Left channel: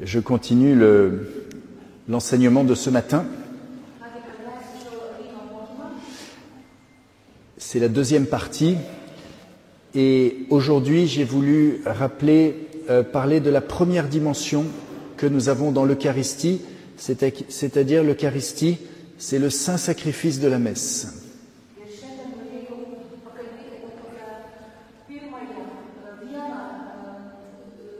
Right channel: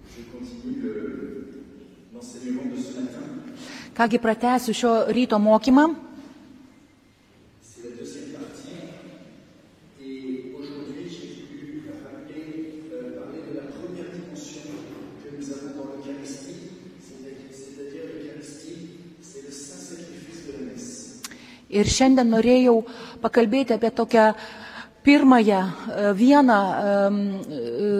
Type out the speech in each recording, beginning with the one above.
Je continue l'enseignement de ce matin. Kągi pratęsiu šio ryto mokymą. C'est la deuxième partie. Et aujourd'hui, j'ai voulu parler de la première dimension que nous avons dans l'Eucharistie, c'est-à-dire l'Eucharistie, c'est le saint sacrifice de la messe. Ir šiandien norėjau pakalbėti apie tokią pirmąją vieną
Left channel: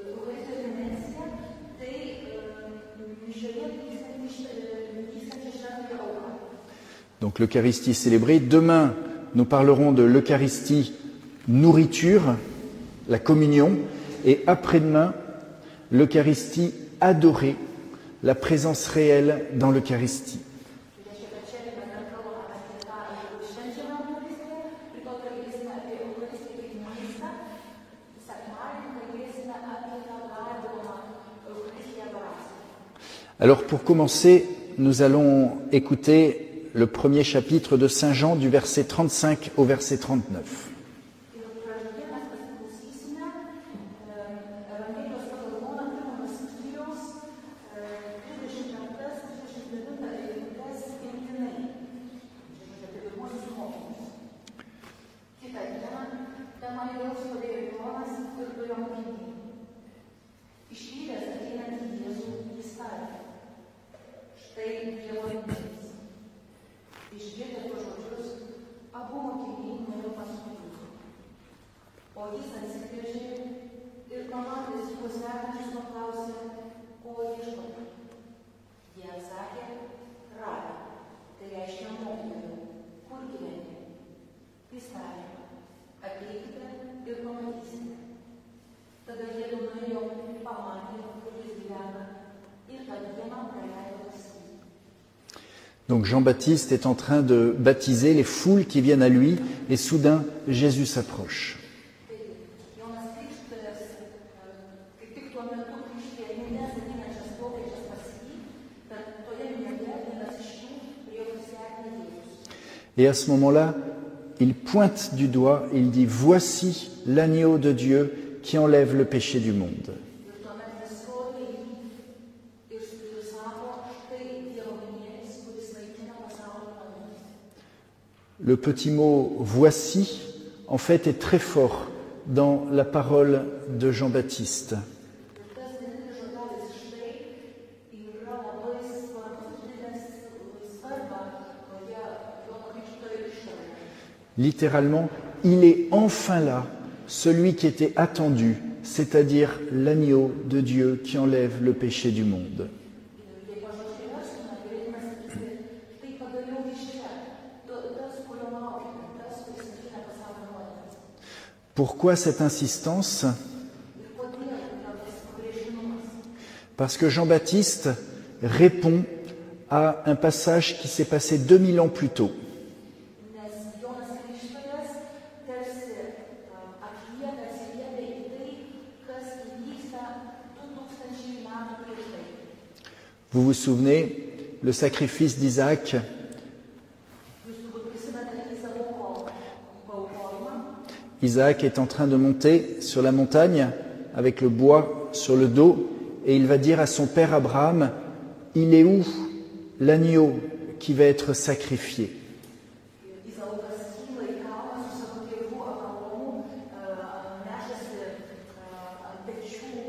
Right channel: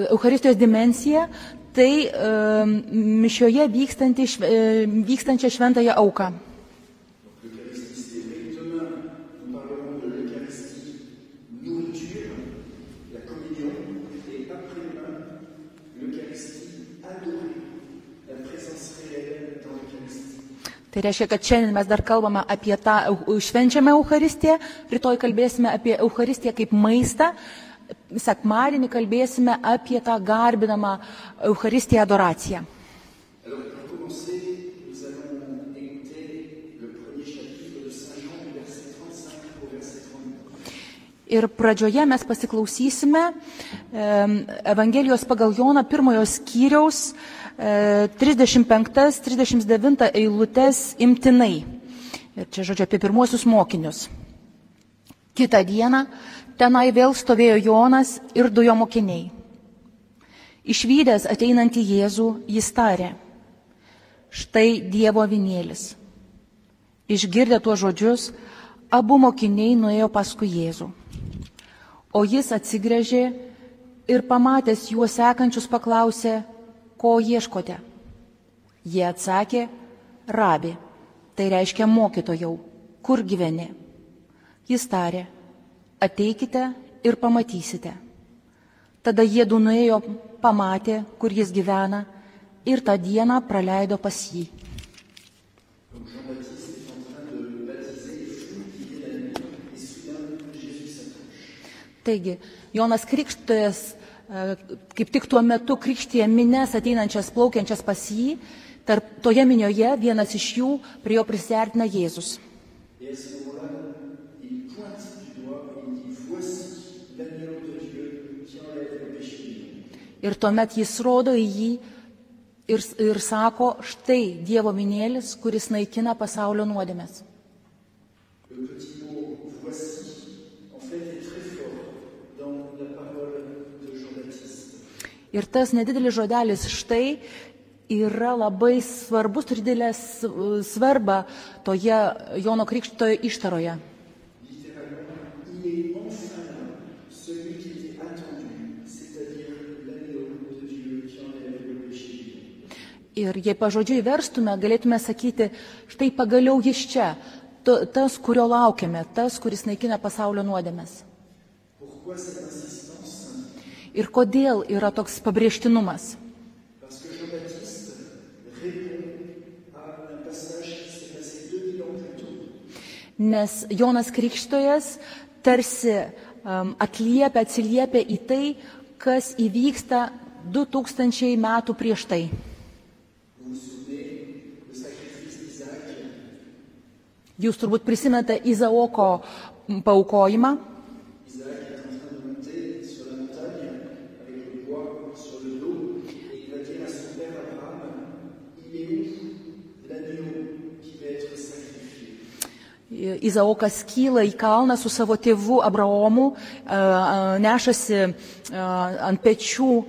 Eucharistijos dimensiją, tai mišioje vykstančią šventąją auką. Donc l'Eucharistie célébrée. Demain, nous parlerons de l'Eucharistie nourriture, la communion, et après-demain, l'Eucharistie adorée, la présence réelle dans l'Eucharistie. Tai reiškia, kad šiandien mes dar kalbame apie tą švenčiamą Eucharistiją, rytoj kalbėsime apie Eucharistiją kaip maistą, sekmadienį kalbėsime apie tą garbinamą Eucharistiją adoraciją. Alors pour commencer, nous allons écouter le premier chapitre de Saint Jean du verset 35 au verset 39. Ir pradžioje mes pasiklausysime Evangelijos pagal Joną pirmojo skyriaus 35-39 eilutes imtinai. Ir čia žodžiu apie pirmuosius mokinius. Kitą dieną tenai vėl stovėjo Jonas ir du jo mokiniai. Išvydęs ateinantį Jėzų, jis tarė: štai Dievo avinėlis. Išgirdę tuos žodžius, abu mokiniai nuėjo paskui Jėzų. O jis atsigręžė ir pamatęs juos sekančius paklausė: ko ieškote? Jie atsakė: Rabi, tai reiškia mokytojau, kur gyveni? Jis tarė: ateikite ir pamatysite. Tada jiedu nuėjo, pamatė, kur jis gyvena, ir tą dieną praleido pas jį. Donc Jean-Baptiste est en train de baptiser les foules qui viennent à lui, et soudain Jésus s'approche. Taigi, Jonas Krikštytojas kaip tik tuo metu krikštija minias ateinančias plaukiančias pas jį, toje minioje vienas iš jų prie jo prisiartina Jėzus. Et à ce moment-là, il pointe du doigt et il dit: voici l'agneau de Dieu qui enlève le péché du monde. Ir tuomet jis rodo į jį ir sako: štai Dievo avinėlis, kuris naikina pasaulio nuodėmes. Le petit mot voici, en fait, est très fort dans la parole de Jean-Baptiste. Ir tas nedidelis žodelis štai yra labai svarbus, turi didelę svarbą toje Jono Krikštytojo ištaroje. Littéralement, il est enfin là, celui qui était attendu, c'est-à-dire l'agneau de Dieu qui enlève le péché du monde. Ir jei pažodžiui verstume, galėtume sakyti: štai pagaliau jis čia, tas, kurio laukiame, tas, kuris naikina pasaulio nuodėmes. Pourquoi cette insistance? Ir kodėl yra toks pabrėžtinumas? Parce que Jean-Baptiste répond à un passage qui s'est passé 2000 ans plus tôt. Nes Jonas Krikštytojas tarsi atsiliepia į tai, kas įvyksta 2000 metų prieš tai. Vous vous souvenez, le sacrifice d'Isaac? Jūs turbūt prisimenate Izaoko paaukojimą. Isaac est en train de monter sur la montagne avec le bois sur le dos et il va dire à son père Abraham: il est où l'agneau qui va être sacrifié? Izaokas kyla į kalną su savo tėvu Abraomu, nešasi ant pečių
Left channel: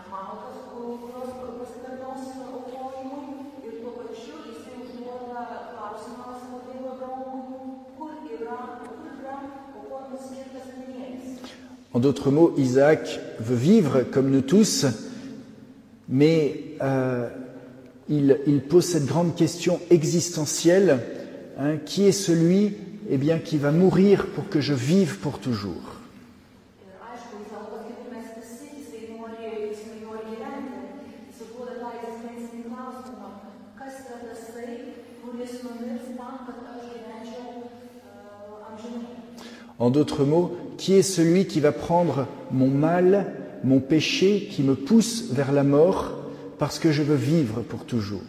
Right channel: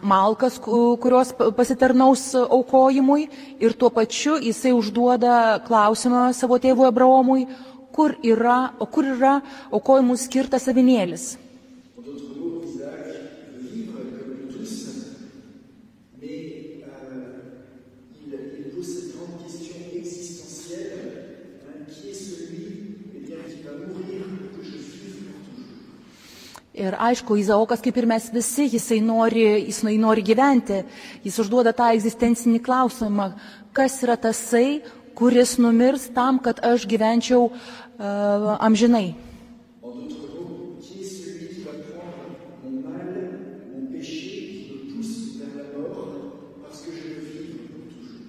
malkas, kurios pasitarnaus aukojimui, ir tuo pačiu jisai užduoda klausimą savo tėvui Abraomui: kur yra aukojimui skirtas avinėlis. En d'autres mots, Isaac veut vivre comme nous tous, mais il pose cette grande question existentielle: qui est celui qui va mourir pour que je vive pour toujours? Ir aišku, Izaokas, kaip ir mes visi, jisai nori gyventi. Jis užduoda tą egzistencinį klausimą: kas yra tasai, kuris numirs tam, kad aš gyvenčiau amžinai? En d'autres mots, qui est celui qui va prendre mon mal, mon péché, qui me pousse vers la mort, parce que je veux vivre pour toujours?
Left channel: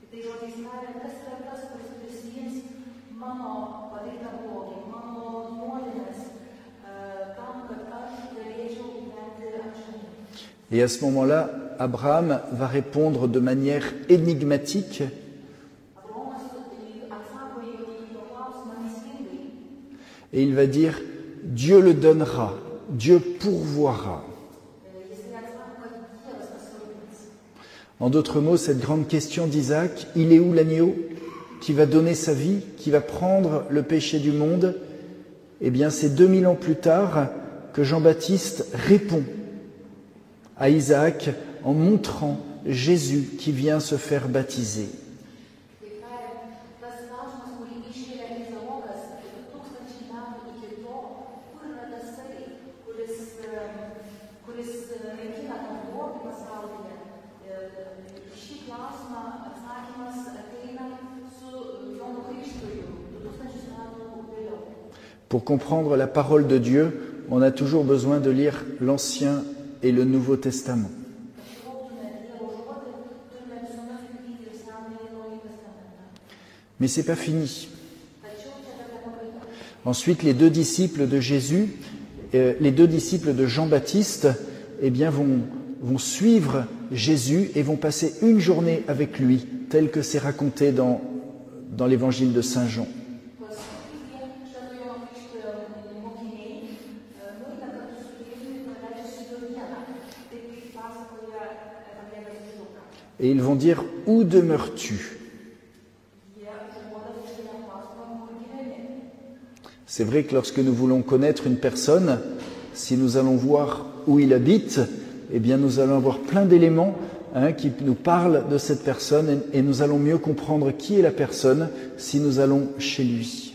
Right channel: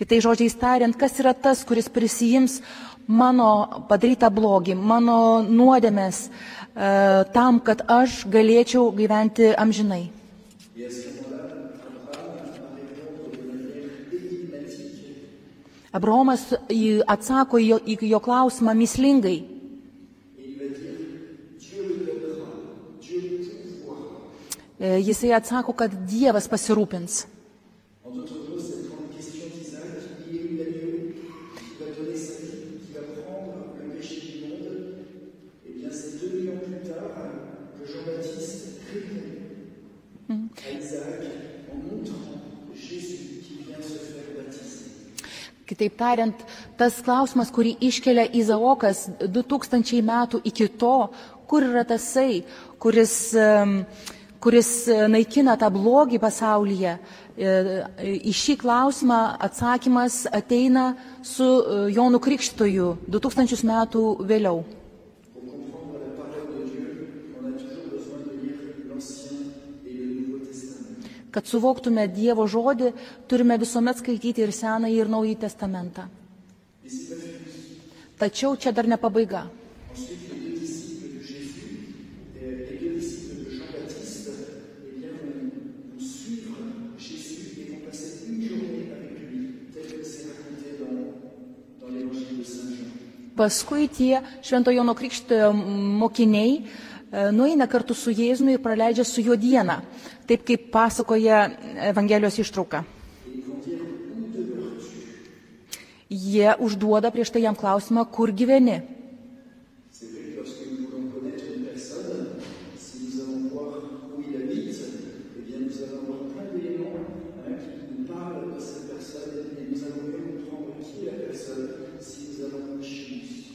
Kitai žodžiais tariant, kas yra tas, kuris prisijims mano padarytą blogį, mano nuodėmes, tam, kad aš galėčiau gyventi amžinai. Et à ce moment-là, Abraham va répondre de manière énigmatique Abraomas atsako į jo klausimą mįslingai. et il va dire Dieu le donnera, Dieu pourvoira. Jisai atsako, kad Dievas pasirūpins. En d'autres mots, cette grande question d'Isaac, il est où l'agneau qui va donner sa vie, qui va prendre le péché du monde? Eh bien, c'est 2000 ans plus tard que Jean-Baptiste répond à Isaac en montrant Jésus qui vient se faire baptiser. Kitaip tariant, tas klausimas, kurį iškelia Izaokas 2000 metų iki to, kur yra tasai, kuris naikina tą blogį pasaulyje, į šį klausimą atsakymas ateina su Jonu Krikštytoju 2000 metų vėliau. Pour comprendre la parole de Dieu, on a toujours besoin de lire l'Ancien et le Nouveau Testament. Kad suvoktume Dievo žodį, turime visuomet skaityti ir Senąjį, ir Naująjį testamentą. Mais ce n'est pas fini. Tačiau čia dar ne pabaiga. Ensuite, les deux disciples de Jésus, les deux disciples de Jean-Baptiste, eh bien, vont suivre Jésus et vont passer une journée avec lui, tel que c'est raconté dans l'évangile de Saint Jean. Paskui tie Švento Jono Krikštytojo mokiniai nueina kartu su Jėzumi ir praleidžia su juo dieną, taip kaip pasakoja Evangelijos ištrauka. Et ils vont dire, où demeures-tu? Jie užduoda prieš tai jam klausimą, kur gyveni. C'est vrai que lorsque nous voulons connaître une personne, si nous allons voir où il habite, eh bien nous allons avoir plein d'éléments qui nous parlent de cette personne et nous allons mieux comprendre qui est la personne si nous allons chez lui.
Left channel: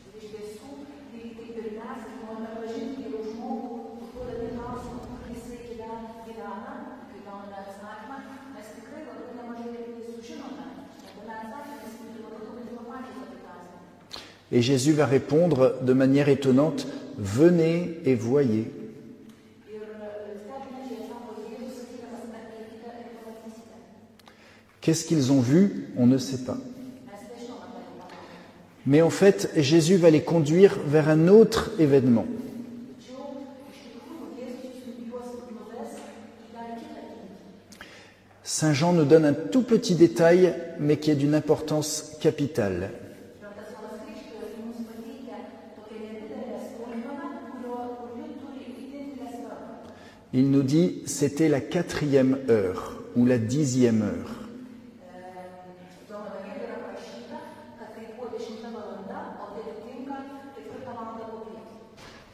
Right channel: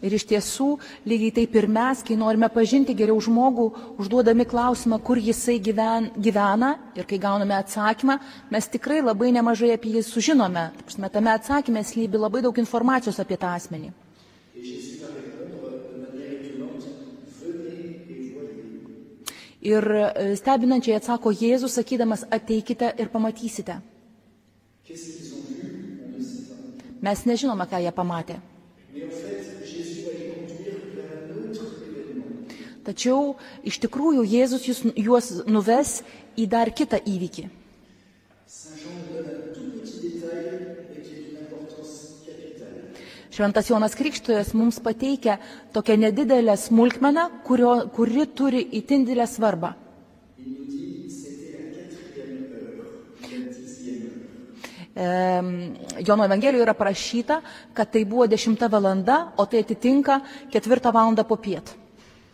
Ir iš tiesų, lygiai taip ir mes, kai norime pažinti geriau žmogų, užduodami klausimą, kur jisai gyvena ir kai gauname atsakymą, mes tikrai labai nemažai apie jį sužinome. Tame atsakyme slypi labai daug informacijos apie tą asmenį. Et Jésus va répondre de manière étonnante, venez et voyez. Ir stebinančiai atsako Jėzus, sakydamas, ateikite ir pamatysite. Qu'est-ce qu'ils ont vu? On ne sait pas. Mes nežinome, ką jie pamatė. Mais en fait, Jésus va les conduire vers un autre événement. Tačiau iš tikrųjų Jėzus juos nuves į dar kitą įvykį. Saint Jean nous donne un tout petit détail, mais qui est d'une importance capitale. Šventas Jonas Krikštytojas mums pateikia tokią nedidelę smulkmeną, kuri turi itin didelę svarbą. Il nous dit, c'était la 4e heure ou la 10e heure. Jono Evangelijoje yra parašyta, kad tai buvo 10 valanda, o tai atitinka 4 valandą popiet.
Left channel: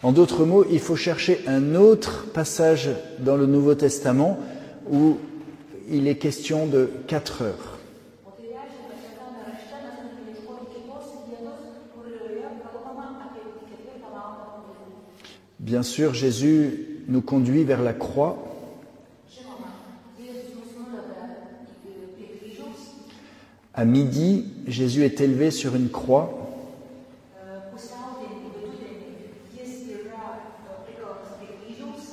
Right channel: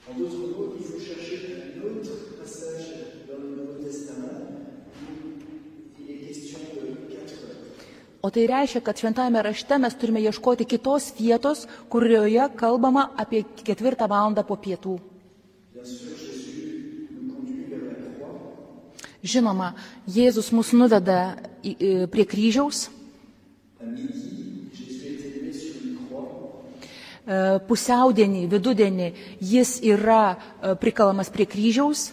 En d'autres mots, il faut chercher un autre passage dans le Nouveau Testament où il est question de 4 heures. O tai reiškia, kad šventajame rašte mes turime ieškoti kitos vietos, kurioje kalbama apie 4 valandą po pietų. Bien sûr, Jésus nous conduit vers la croix. Žinoma, Jėzus mus nuveda prie kryžiaus. À midi, Jésus est élevé sur une croix. Pusiaudienį, vidudienį jis yra prikalamas prie kryžiaus.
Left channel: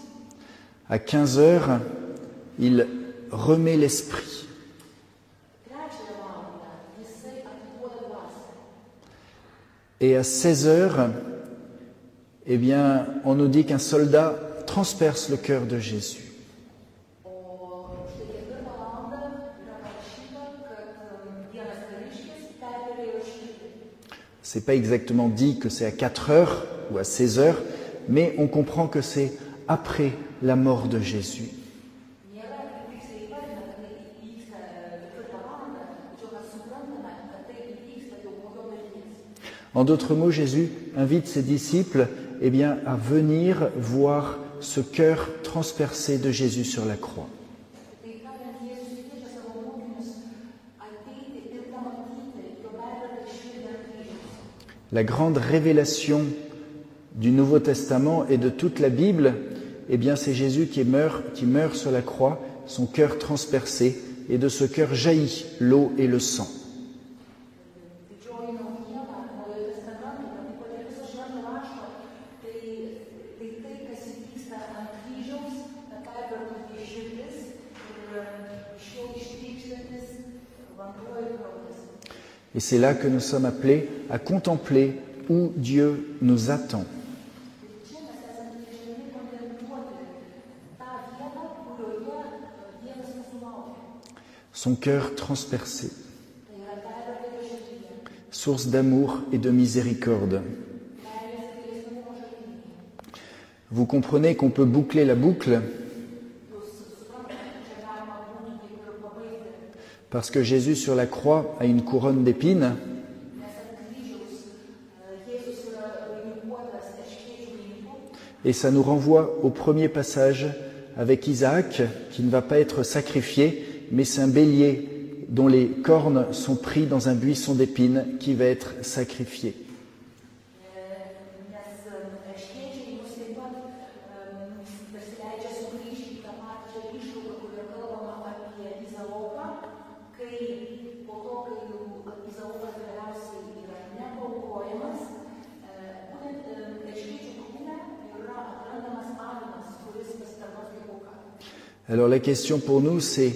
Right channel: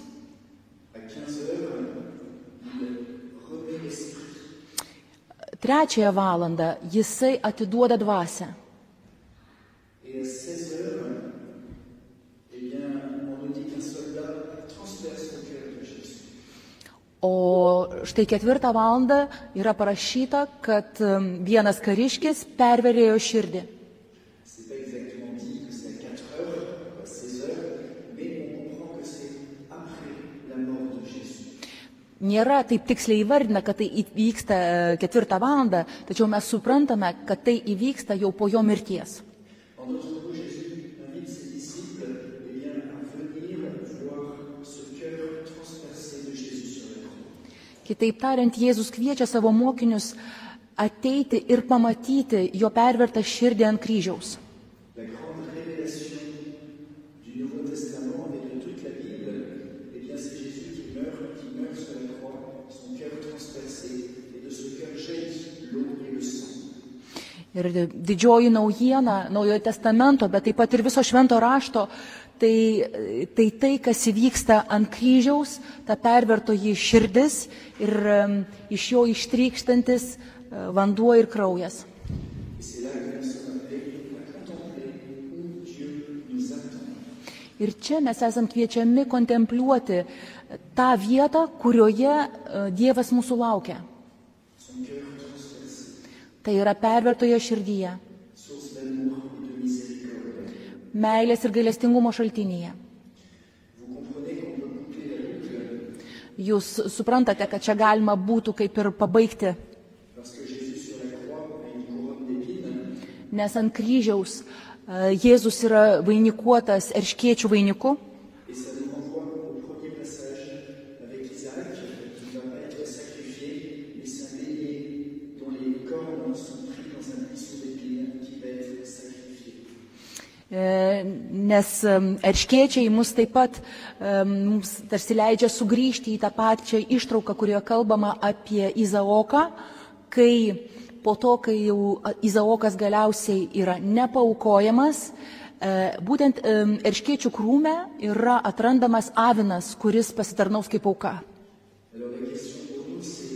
À 15 heures, il remet l'esprit. 3 valandą jisai atiduoda dvasią. Et à 16 heures, eh bien, on nous dit qu'un soldat transperce le cœur de Jésus. O štai 4 valandą yra parašyta, kad vienas kariškis perverėjo širdį. C'est pas exactement dit que c'est à 4 heures ou à 16 heures, mais on comprend que c'est après la mort de Jésus. Nėra taip tiksliai įvardina, kad tai įvyksta 4 valandą, tačiau mes suprantame, kad tai įvyksta jau po jo mirties. En d'autres mots, Jésus invite ses disciples eh bien, à venir voir ce cœur transpercé de Jésus sur la croix. Kitaip tariant, Jėzus kviečia savo mokinius ateiti ir pamatyti jo pervertą širdį ant kryžiaus. La grande révélation du Nouveau Testament et de toute la Bible, eh bien, c'est Jésus qui meurt sur la croix, son cœur transpercé, et de ce cœur jaillit l'eau et le sang. Ir didžioji naujiena Naujojo testamento, bet taip pat ir viso švento rašto, tai, kas įvyksta ant kryžiaus, ta pervertoji širdis ir iš jo ištrykštantis vanduo ir kraujas. Et c'est là que nous sommes appelés à contempler où Dieu nous attend. Ir čia mes esam kviečiami kontempliuoti tą vietą, kurioje Dievas mūsų laukia. Son cœur transpercé, Tai yra pervertoje širdyje, source d'amour et de miséricorde. meilės ir gailestingumo šaltinyje. Vous comprenez qu'on peut boucler la boucle Jūs suprantate, kad čia galima būtų kaip ir pabaigti, parce que Jésus sur la croix a une couronne d'épines nes ant kryžiaus Jėzus yra vainikuotas erškėčių vainiku. et ça nous renvoie au premier passage avec Isaac qui ne va pas être sacrifié, mais c'est un bélier dont les cornes sont pris dans un buisson d'épines qui va être sacrifié. Nes erškėčiai mus taip pat mums tarsi leidžia sugrįžti į tą pačią ištrauką, kurioje kalbama apie Izaoką, kai po to, kai jau Izaokas galiausiai yra nepaukojamas, būtent erškėčių krūme yra atrandamas avinas, kuris pasitarnaus kaip auka. Alors la question pour nous c'est,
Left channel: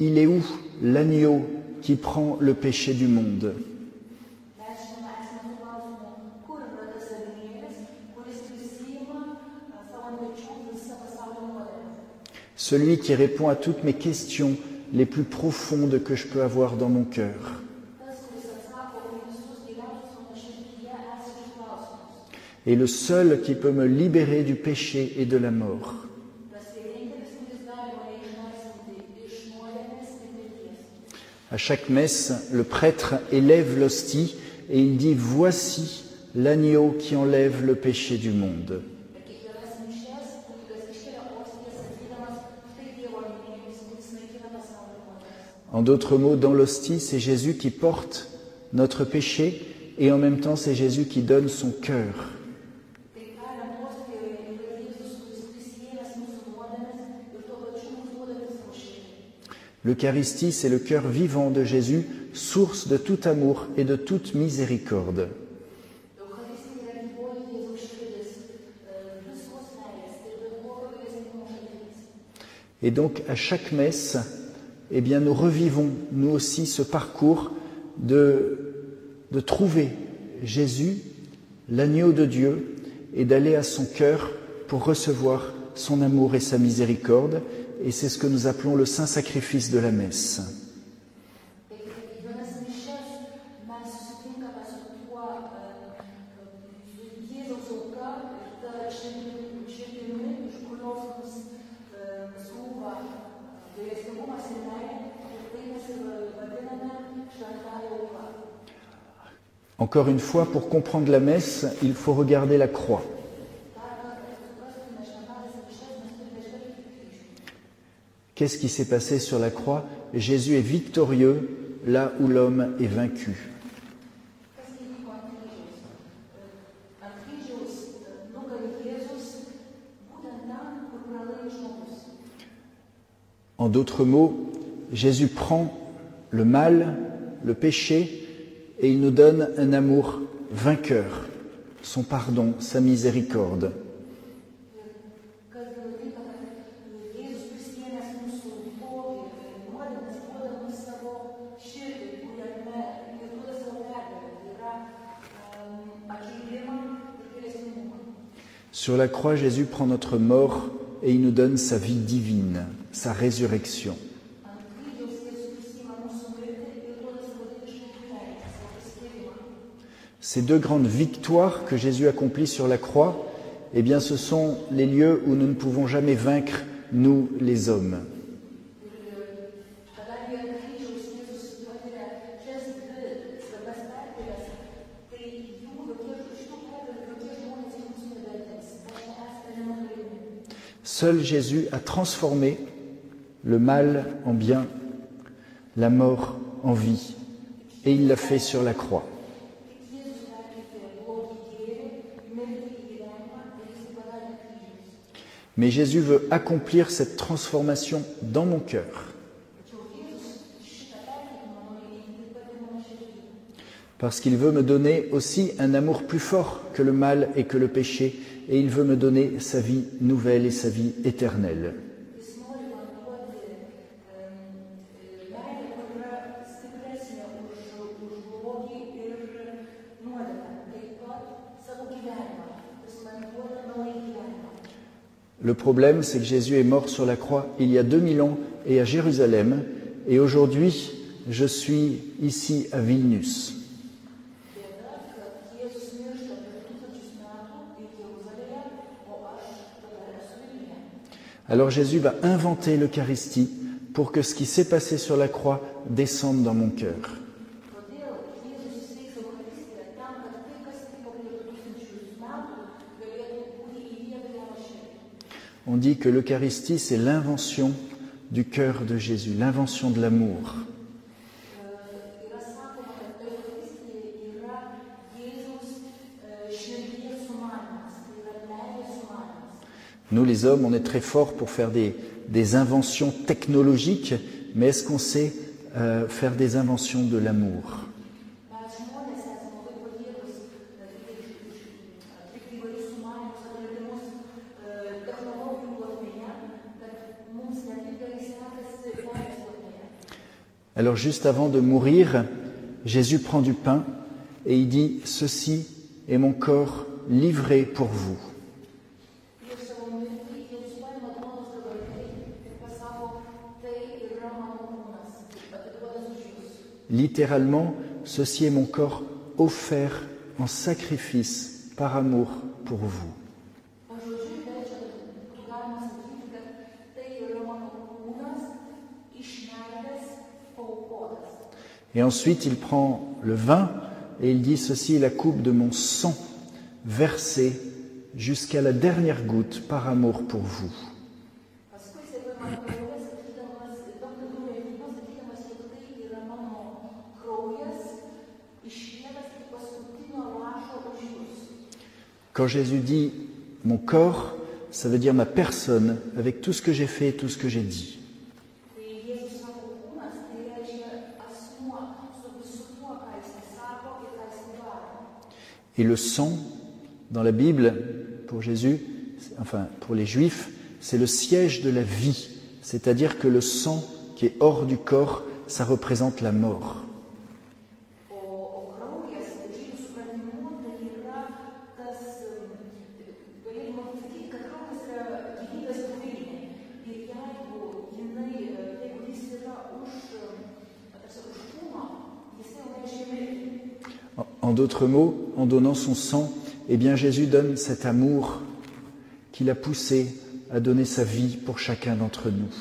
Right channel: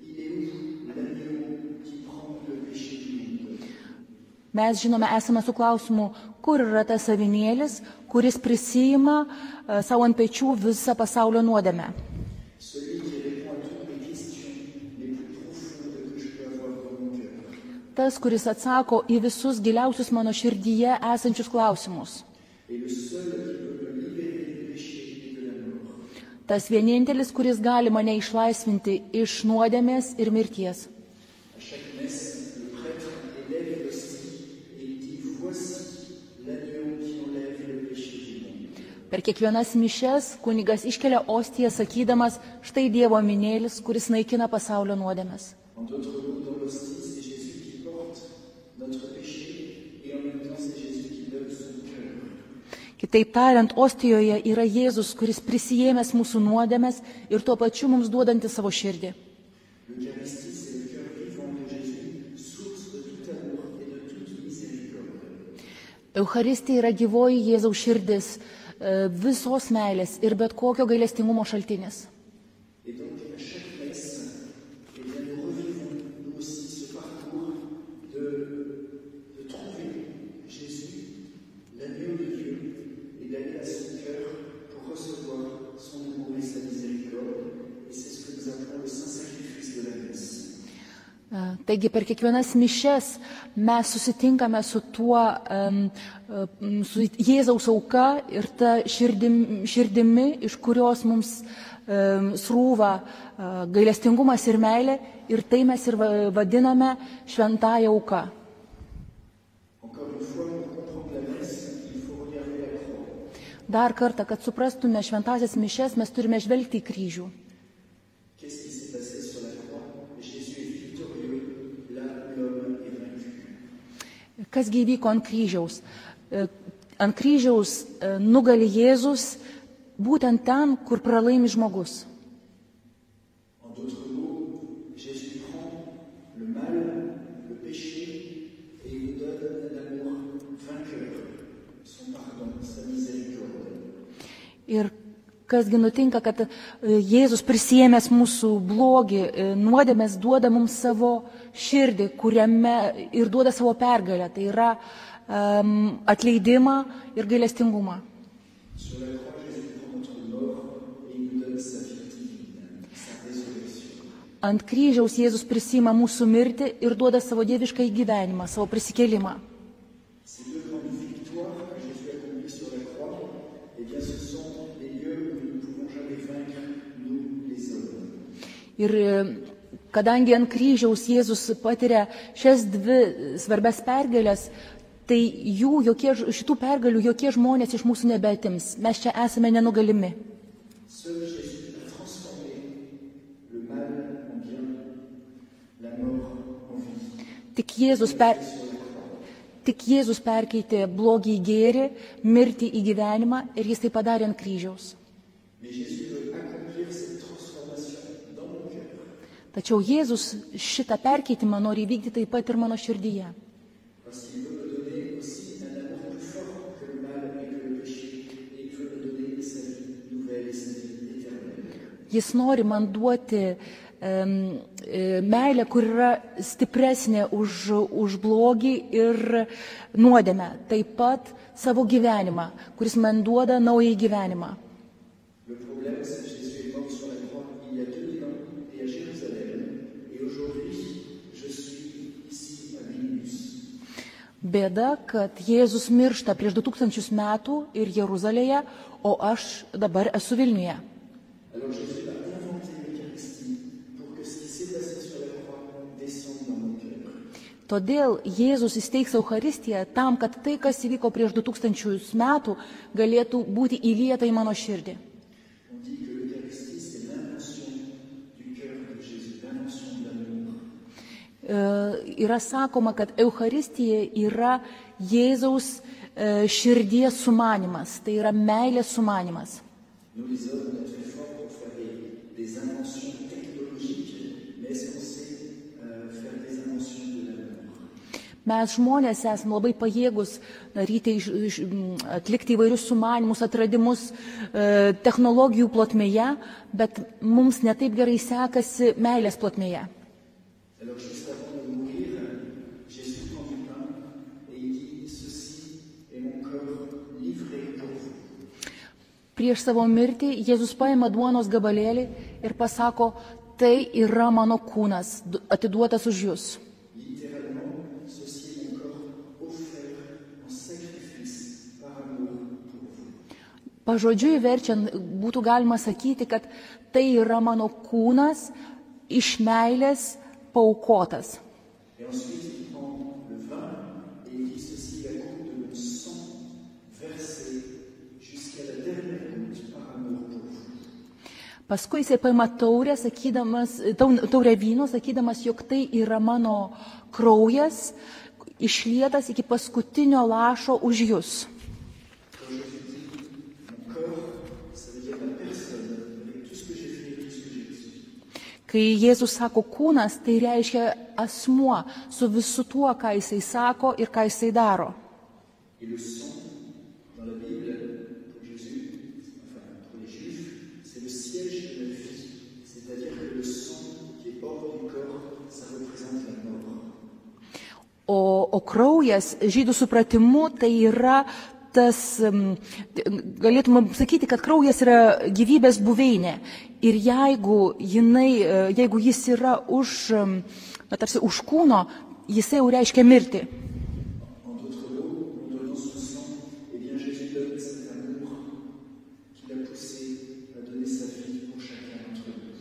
il est où l'agneau qui prend le péché du monde? Mes žinome, esame su klausimu, kur yra tas avinėlis, kuris prisijima savo ant pečių visą pasaulio nuodėmę. Celui qui répond à toutes mes questions les plus profondes que je peux avoir dans mon cœur. Tas, kuris atsako į visus giliausius mano širdyje esančius klausimus. Et le seul qui peut me libérer du péché et de la mort. Tas vienintelis, kuris gali mane išlaisvinti iš nuodėmės ir mirties. À chaque messe, le prêtre élève l'hostie et il dit « Voici l'agneau qui enlève le péché du monde ». Per kiekvienas mišes kunigas iškelia ostiją sakydamas, štai Dievo avinėlis, kuris naikina pasaulio nuodėmes. En d'autres mots, dans l'hostie, c'est Jésus qui porte notre péché et en même temps, c'est Jésus qui donne son cœur. Kitaip tariant, ostijoje yra Jėzus, kuris prisijėmęs mūsų nuodėmes ir tuo pačiu mums duodantis savo širdį. L'Eucharistie, c'est le cœur vivant de Jésus, source de tout amour et de toute miséricorde. Eucharistija yra gyvoji Jėzaus širdis, visos meilės ir bet kokio gailestingumo šaltinis. Et donc, à chaque messe, eh bien, nous revivons, nous aussi, ce parcours de trouver Jésus, l'agneau de Dieu, et d'aller à son cœur pour recevoir son amour et sa miséricorde. Et c'est ce que nous appelons le saint sacrifice de la messe. Taigi per kiekvienas mišes mes susitinkame su tuo, su Jėzaus auka ir ta širdimi, iš kurios mums srūva gailestingumas ir meilė, ir tai mes ir vadiname šventąja auka. Encore une fois, pour comprendre la messe, il faut regarder la croix. Dar kartą, kad suprastume šventąsias mišes, mes turime žvelgti į kryžių. Qu'est-ce qui s'est passé sur la croix? Jésus est victorieux là où l'homme est vaincu. Kasgi įvyko ant kryžiaus? Ant kryžiaus nugali Jėzus būtent ten, kur pralaimi žmogus. En d'autres mots, Jésus prend le mal, le péché, et il nous donne un amour vainqueur, son pardon, sa miséricorde. Ir kasgi nutinka, kad Jėzus prisėmęs mūsų blogį, nuodėmes duoda mums savo širdį, kuriame ir duoda savo pergalę. Tai yra atleidimą ir gailestingumą. Sur la croix, Jésus prend notre mort et il nous donne sa vie divine, sa résurrection. Ant kryžiaus Jėzus prisima mūsų mirtį ir duoda savo dievišką gyvenimą, savo prisikėlimą. Ces deux grandes victoires que Jésus accomplit sur la croix, eh bien, ce sont les lieux où nous ne pouvons jamais vaincre, nous, les hommes. Ir kadangi ant kryžiaus Jėzus patiria šias dvi svarbias pergalės, tai šitų pergalių jokie žmonės iš mūsų nebeatims. Mes čia esame nenugalimi. Seul Jésus a transformé le mal en bien, la mort en vie. Et il l'a fait sur la croix. Tik Jėzus perkeitė blogį į gėrį, mirtį į gyvenimą ir jis tai padarė ant kryžiaus. Mais Jésus veut accomplir cette transformation dans mon cœur. Tačiau Jėzus šitą perkeitimą nori įvykdyti taip pat ir mano širdyje. Parce qu'il veut me donner aussi un amour plus fort que le mal et que le péché, et il veut me donner sa vie nouvelle et sa vie éternelle. Jis nori man duoti meilę, kur yra stipresnė už blogį ir nuodėmę. Taip pat savo gyvenimą, kuris man duoda naują gyvenimą. Le problème, c'est que Jésus est mort sur la croix il y a 2000 ans et à Jérusalem, et aujourd'hui, je suis ici à Vilnius. Bėda, kad Jėzus miršta prieš 2000 metų ir Jeruzalėje, o aš dabar esu Vilniuje. Alors Jésus va inventer l'Eucharistie pour que ce qui s'est passé sur la croix descende dans mon cœur. Todėl Jėzus įsteigs Eucharistiją tam, kad tai, kas įvyko prieš 2000 metų, galėtų būti įlieta į mano širdį. On dit que l'Eucharistie, c'est l'invention du cœur de Jésus, l'invention de l'amour. Yra sakoma, kad Eucharistija yra Jėzaus širdies sumanimas, tai yra meilės sumanimas. Nous, les hommes, on est très forts pour faire des inventions technologiques, mais est-ce qu'on sait faire des inventions de l'amour? Mes žmonės esame labai pajėgus daryti, atlikti įvairius sumanimus, atradimus technologijų plotmėje, bet mums netaip gerai sekasi meilės plotmėje. Alors juste avant de mourir, Jésus prend du pain et il dit « Ceci est mon corps livré pour vous ». Prieš savo mirtį Jėzus paima duonos gabalėlį ir pasako, tai yra mano kūnas, atiduotas už jūs. Littéralement, ceci est mon corps offert en sacrifice par amour pour vous. Pažodžiui verčiant, būtų galima sakyti, kad tai yra mano kūnas iš meilės paaukotas. Et ensuite, il prend le vin et il dit « Ceci est la coupe de mon sang versé jusqu'à la dernière goutte par amour pour vous. » Paskui jisai paima taurę vyno, sakydamas, jog tai yra mano kraujas, išlietas iki paskutinio lašo už jūs. Quand Jésus dit « mon corps », ça veut dire ma personne, avec tout ce que j'ai fait et tout ce que j'ai dit. Kai Jėzus sako kūnas, tai reiškia asmuo su visu tuo, ką jisai sako ir ką jisai daro. Et le sang, dans la Bible, pour Jésus, enfin pour les Juifs, c'est le siège de la vie. C'est-à-dire que le sang qui est hors du corps, ça représente la mort. O kraujas, žydų supratimu, tai yra tas, galėtume sakyti, kad kraujas yra gyvybės buveinė. Ir jeigu jis yra tarsi už kūno, jisai jau reiškia mirtį. En d'autres mots, en donnant son sang, eh bien Jésus donne cet amour qui l'a poussé à donner sa vie pour chacun d'entre nous.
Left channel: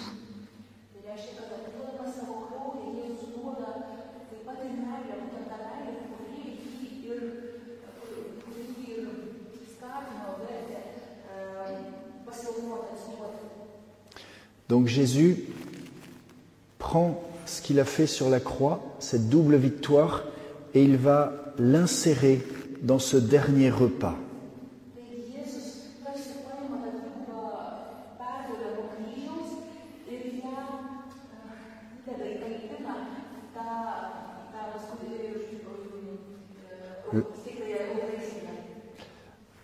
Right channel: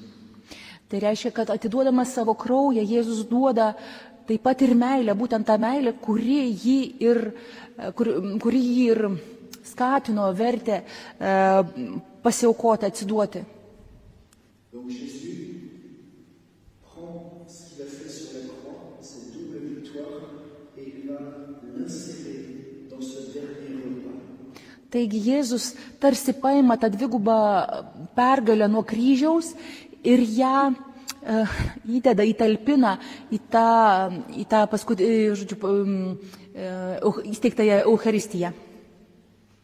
Tai reiškia, kad atiduodamas savo kraują, Jėzus duoda taip pat ir meilę, būtent tą meilę, kuri jį ir skatino, vertė pasiaukoti, atsiduoti. Donc Jésus prend ce qu'il a fait sur la croix, cette double victoire, et il va l'insérer dans ce dernier repas. Taigi Jėzus tarsi paima tą dvigubą pergalę nuo kryžiaus ir ją įdeda, įtalpina į tą įsteigtąją Eucharistiją.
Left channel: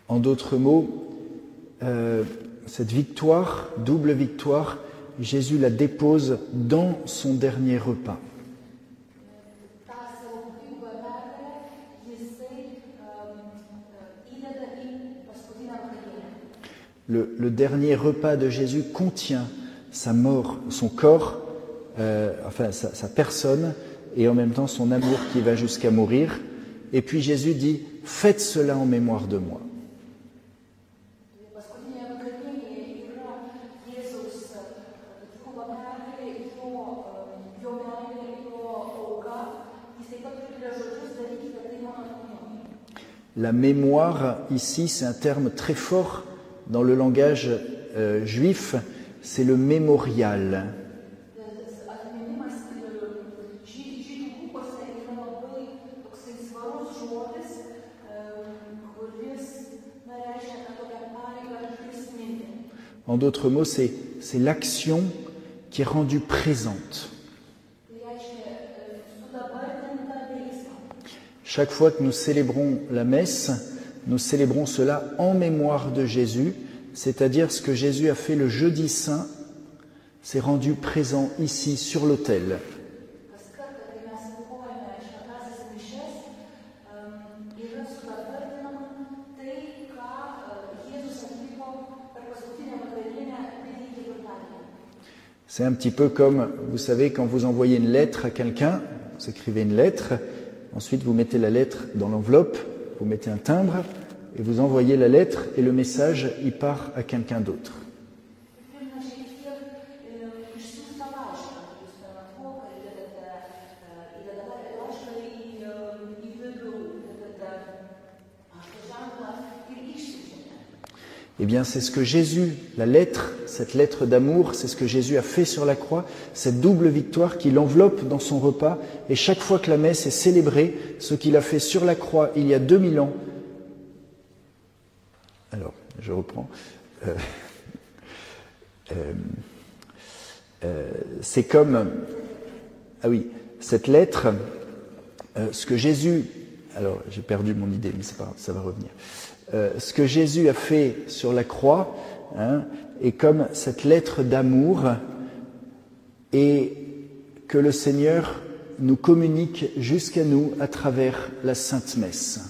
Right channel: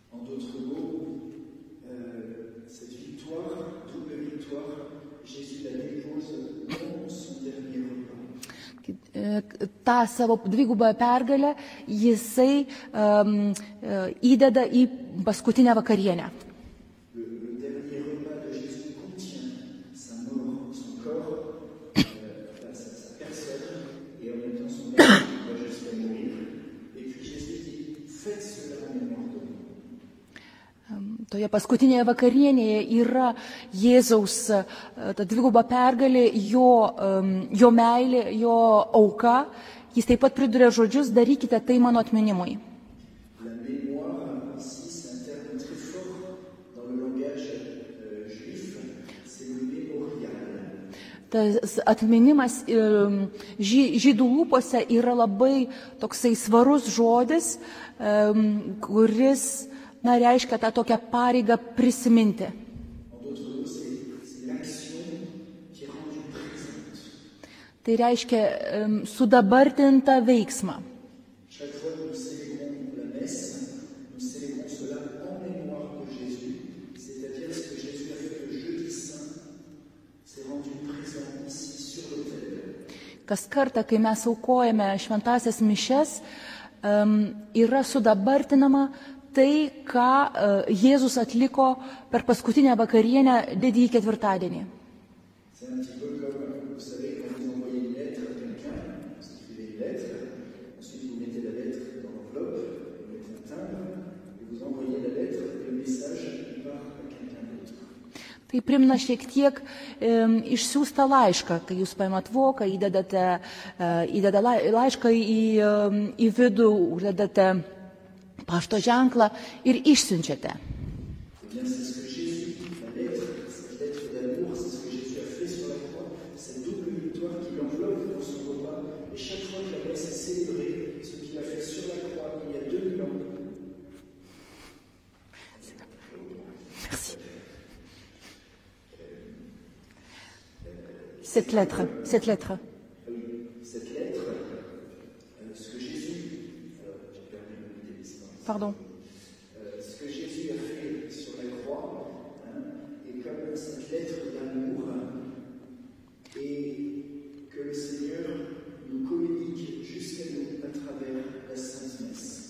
En d'autres mots, cette victoire, double victoire, Jésus la dépose dans son dernier repas. Ta savo dvigubą pergalę jisai įdeda į paskutinę vakarienę. Le dernier repas de Jésus contient sa mort, son corps, sa personne, et en même temps son amour qui va jusqu'à mourir. Et puis Jésus dit, faites cela en mémoire de moi. Toje paskutinėje vakarienėje yra Jėzaus ta dviguba pergalė, jo meilė, jo auka. Jis taip pat priduria žodžius, darykite tai mano atminimui. La mémoire, ici, c'est un terme très fort dans le langage juif, c'est le mémorial. Tas atminimas žydų lūpose yra labai toksai svarus žodis, kuris reiškia tą tokią pareigą prisiminti. En d'autres mots, c'est l'action qui est rendue présente. Tai reiškia sudabartintą veiksmą. Chaque fois que nous célébrons la messe, nous célébrons cela en mémoire de Jésus, c'est-à-dire ce que Jésus a fait le jeudi saint, s'est rendu présent ici sur l'autel. Kas kartą, kai mes aukojame šventąsias mišias, yra sudabartinama tai, ką Jėzus atliko per paskutinę vakarienę didįjį ketvirtadienį. C'est un petit peu comme, vous savez, quand vous envoyez une lettre à quelqu'un, vous écrivez une lettre, ensuite vous mettez la lettre dans l'enveloppe, vous mettez un timbre, et vous envoyez la lettre, et le message, il part à quelqu'un d'autre. Tai primena šiek tiek išsiųstą laišką, kai jūs paimat voką, įdedate laišką į vidų, uždedate pašto ženklą ir išsiunčiate. Eh bien, c'est ce que Jésus, la lettre, cette lettre d'amour, c'est ce que Jésus a fait sur la croix, cette double victoire qu'il enveloppe dans son repas. Et chaque fois que la messe est célébrée, ce qu'il a fait sur la croix il y a 2000 ans. Alors, je reprends. C'est comme... Cette lettre. Ah oui, cette lettre, ce que Jésus... Alors, j'ai perdu mon idée, mais c'est pas grave, ça va revenir. Ce que Jésus a fait sur la croix est comme cette lettre d'amour et que le Seigneur nous communique jusqu'à nous à travers la Sainte Messe.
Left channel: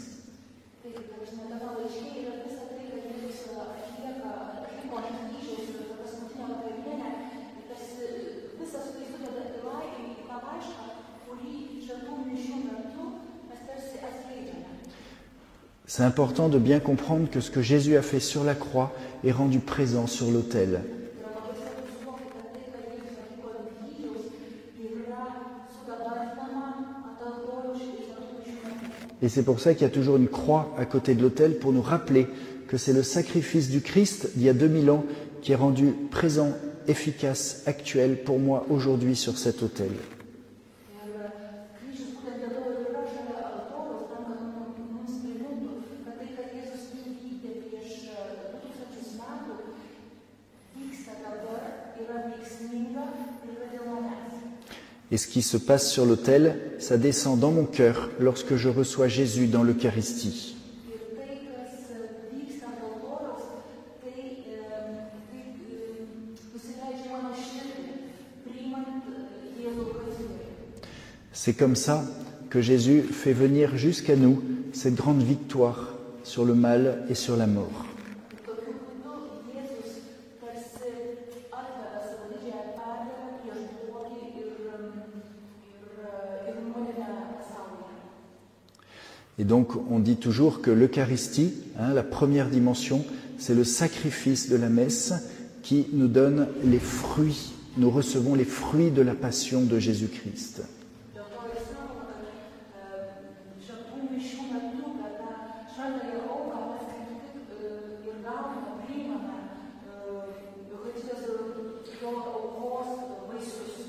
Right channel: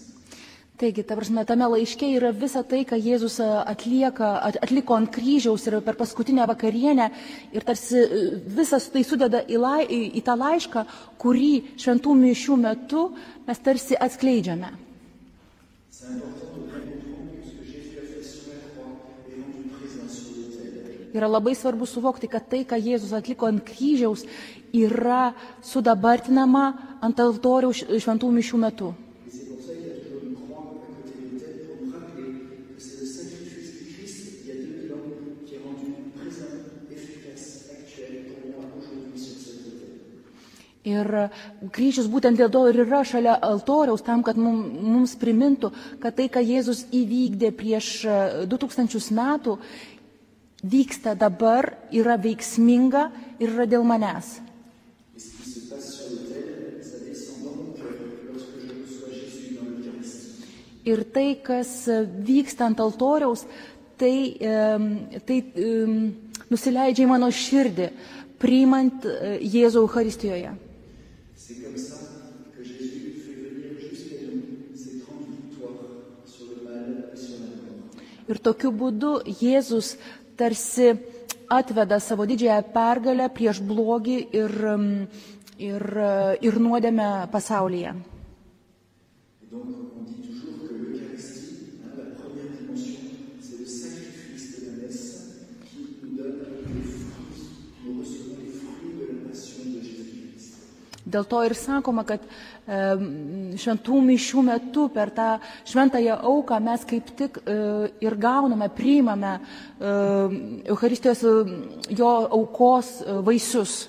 Taigi, ta prasme, tame laiške yra visa tai, ką Jėzus atliko ant kryžiaus ir per paskutinę vakarienę ir tarsi visas tai sudeda į tą laišką, kurį šventų mišių metu mes tarsi atskleidžiame. C'est important de bien comprendre que ce que Jésus a fait sur la croix est rendu présent sur l'autel. Yra labai svarbu suvokti, kad tai, ką Jėzus atliko ant kryžiaus, yra sudabartinama ant altoriaus šventų mišių metu. Et c'est pour ça qu'il y a toujours une croix à côté de l'autel pour nous rappeler que c'est le sacrifice du Christ il y a 2000 ans qui est rendu présent, efficace, actuel pour moi aujourd'hui sur cet autel. Ir kryžius būtent dėl to ir yra šalia altoriaus, tam, kad mums primintų, kad tai, ką Jėzus įvykdė prieš 2000 metų, vyksta dabar, yra veiksminga ir yra dėl manęs. Et ce qui se passe sur l'autel, ça descend dans mon cœur lorsque je reçois Jésus dans l'Eucharistie. Ir tai, kas vyksta ant altoriaus, tai nusileidžia į mano širdį, priimant Jėzų Eucharistijoje. C'est comme ça que Jésus fait venir jusqu'à nous cette grande victoire sur le mal et sur la mort. Ir tokiu būdu Jėzus tarsi atveda savo didžiąją pergalę prieš blogį ir nuodėmę pasaulyje. Et donc on dit toujours que l'Eucharistie, la première dimension, c'est le sacrifice de la messe qui nous donne les fruits. Nous recevons les fruits de la passion de Jésus-Christ. Dėl to ir sakoma, kad šventų mišių metu per tą šventąją auką mes kaip tik ir gauname, priimame Eucharistijos jo aukos vaisius.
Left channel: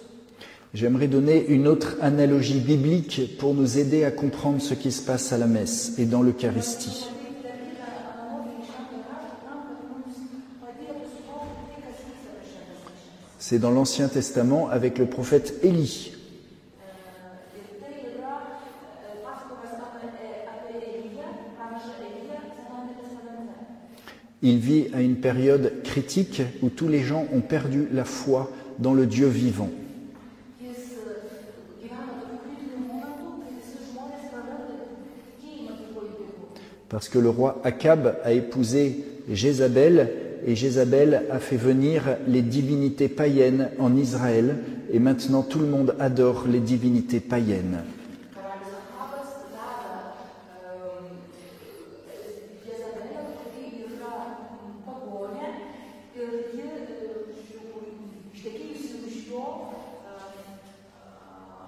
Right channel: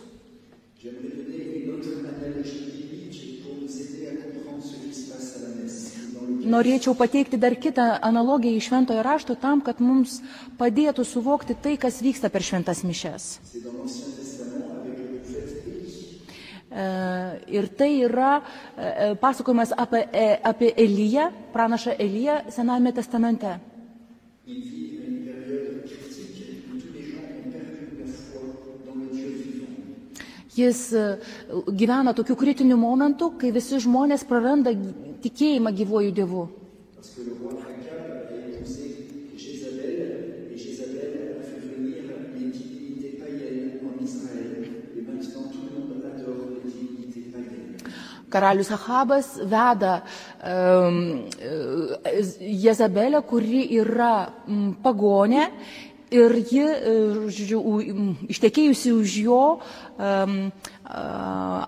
J'aimerais donner une autre analogie biblique pour nous aider à comprendre ce qui se passe à la messe et dans l'Eucharistie. Norėčiau pateikti dar kitą analogiją iš šventojo rašto tam, kad mums padėtų suvokti tai, kas vyksta per šventas mišias. C'est dans l'Ancien Testament avec le prophète Élie. Ir tai yra pasakojimas apie Eliją, pranašą Eliją Senajame testamente. Il vit à une période critique où tous les gens ont perdu la foi dans le Dieu vivant. Jis gyvena tokiu kritiniu momentu, kai visi žmonės praranda tikėjimą gyvuoju Dievu. Parce que le roi Akab a épousé Jézabel et Jézabel a fait venir les divinités païennes en Israël et maintenant tout le monde adore les divinités païennes. Karalius Achabas veda Jezabelę, kuri yra pagonė ir ji, ištekėjusi už jo,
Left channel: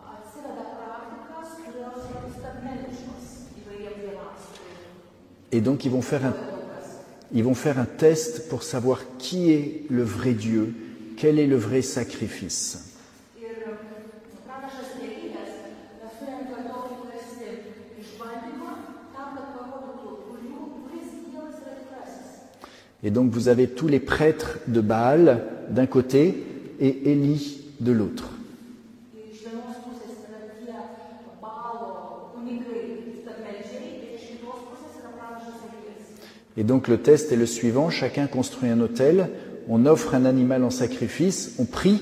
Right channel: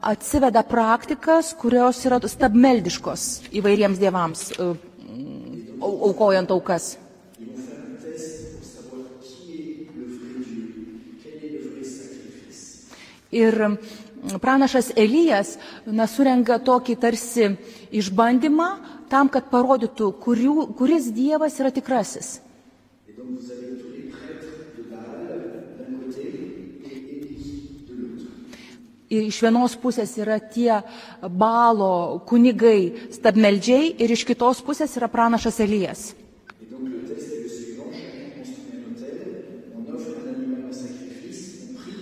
atsiveda praktikas, kurios yra stabmeldiškos įvairiems dievams, aukojant aukas. Ils vont faire un test pour savoir qui est le vrai Dieu, quel est le vrai sacrifice. Ir pranašas Elijas surenka tokį tarsi išbandymą tam, kad parodytų, kuris dievas yra tikrasis. Et donc vous avez tous les prêtres de Baal d'un côté et Élie de l'autre. Iš vienos pusės yra tie Baalo kunigai stabmeldžiai ir iš kitos pusės yra pranašas Elijas. Et donc le test est le suivant, chacun construit un autel, on offre un animal en sacrifice, on prie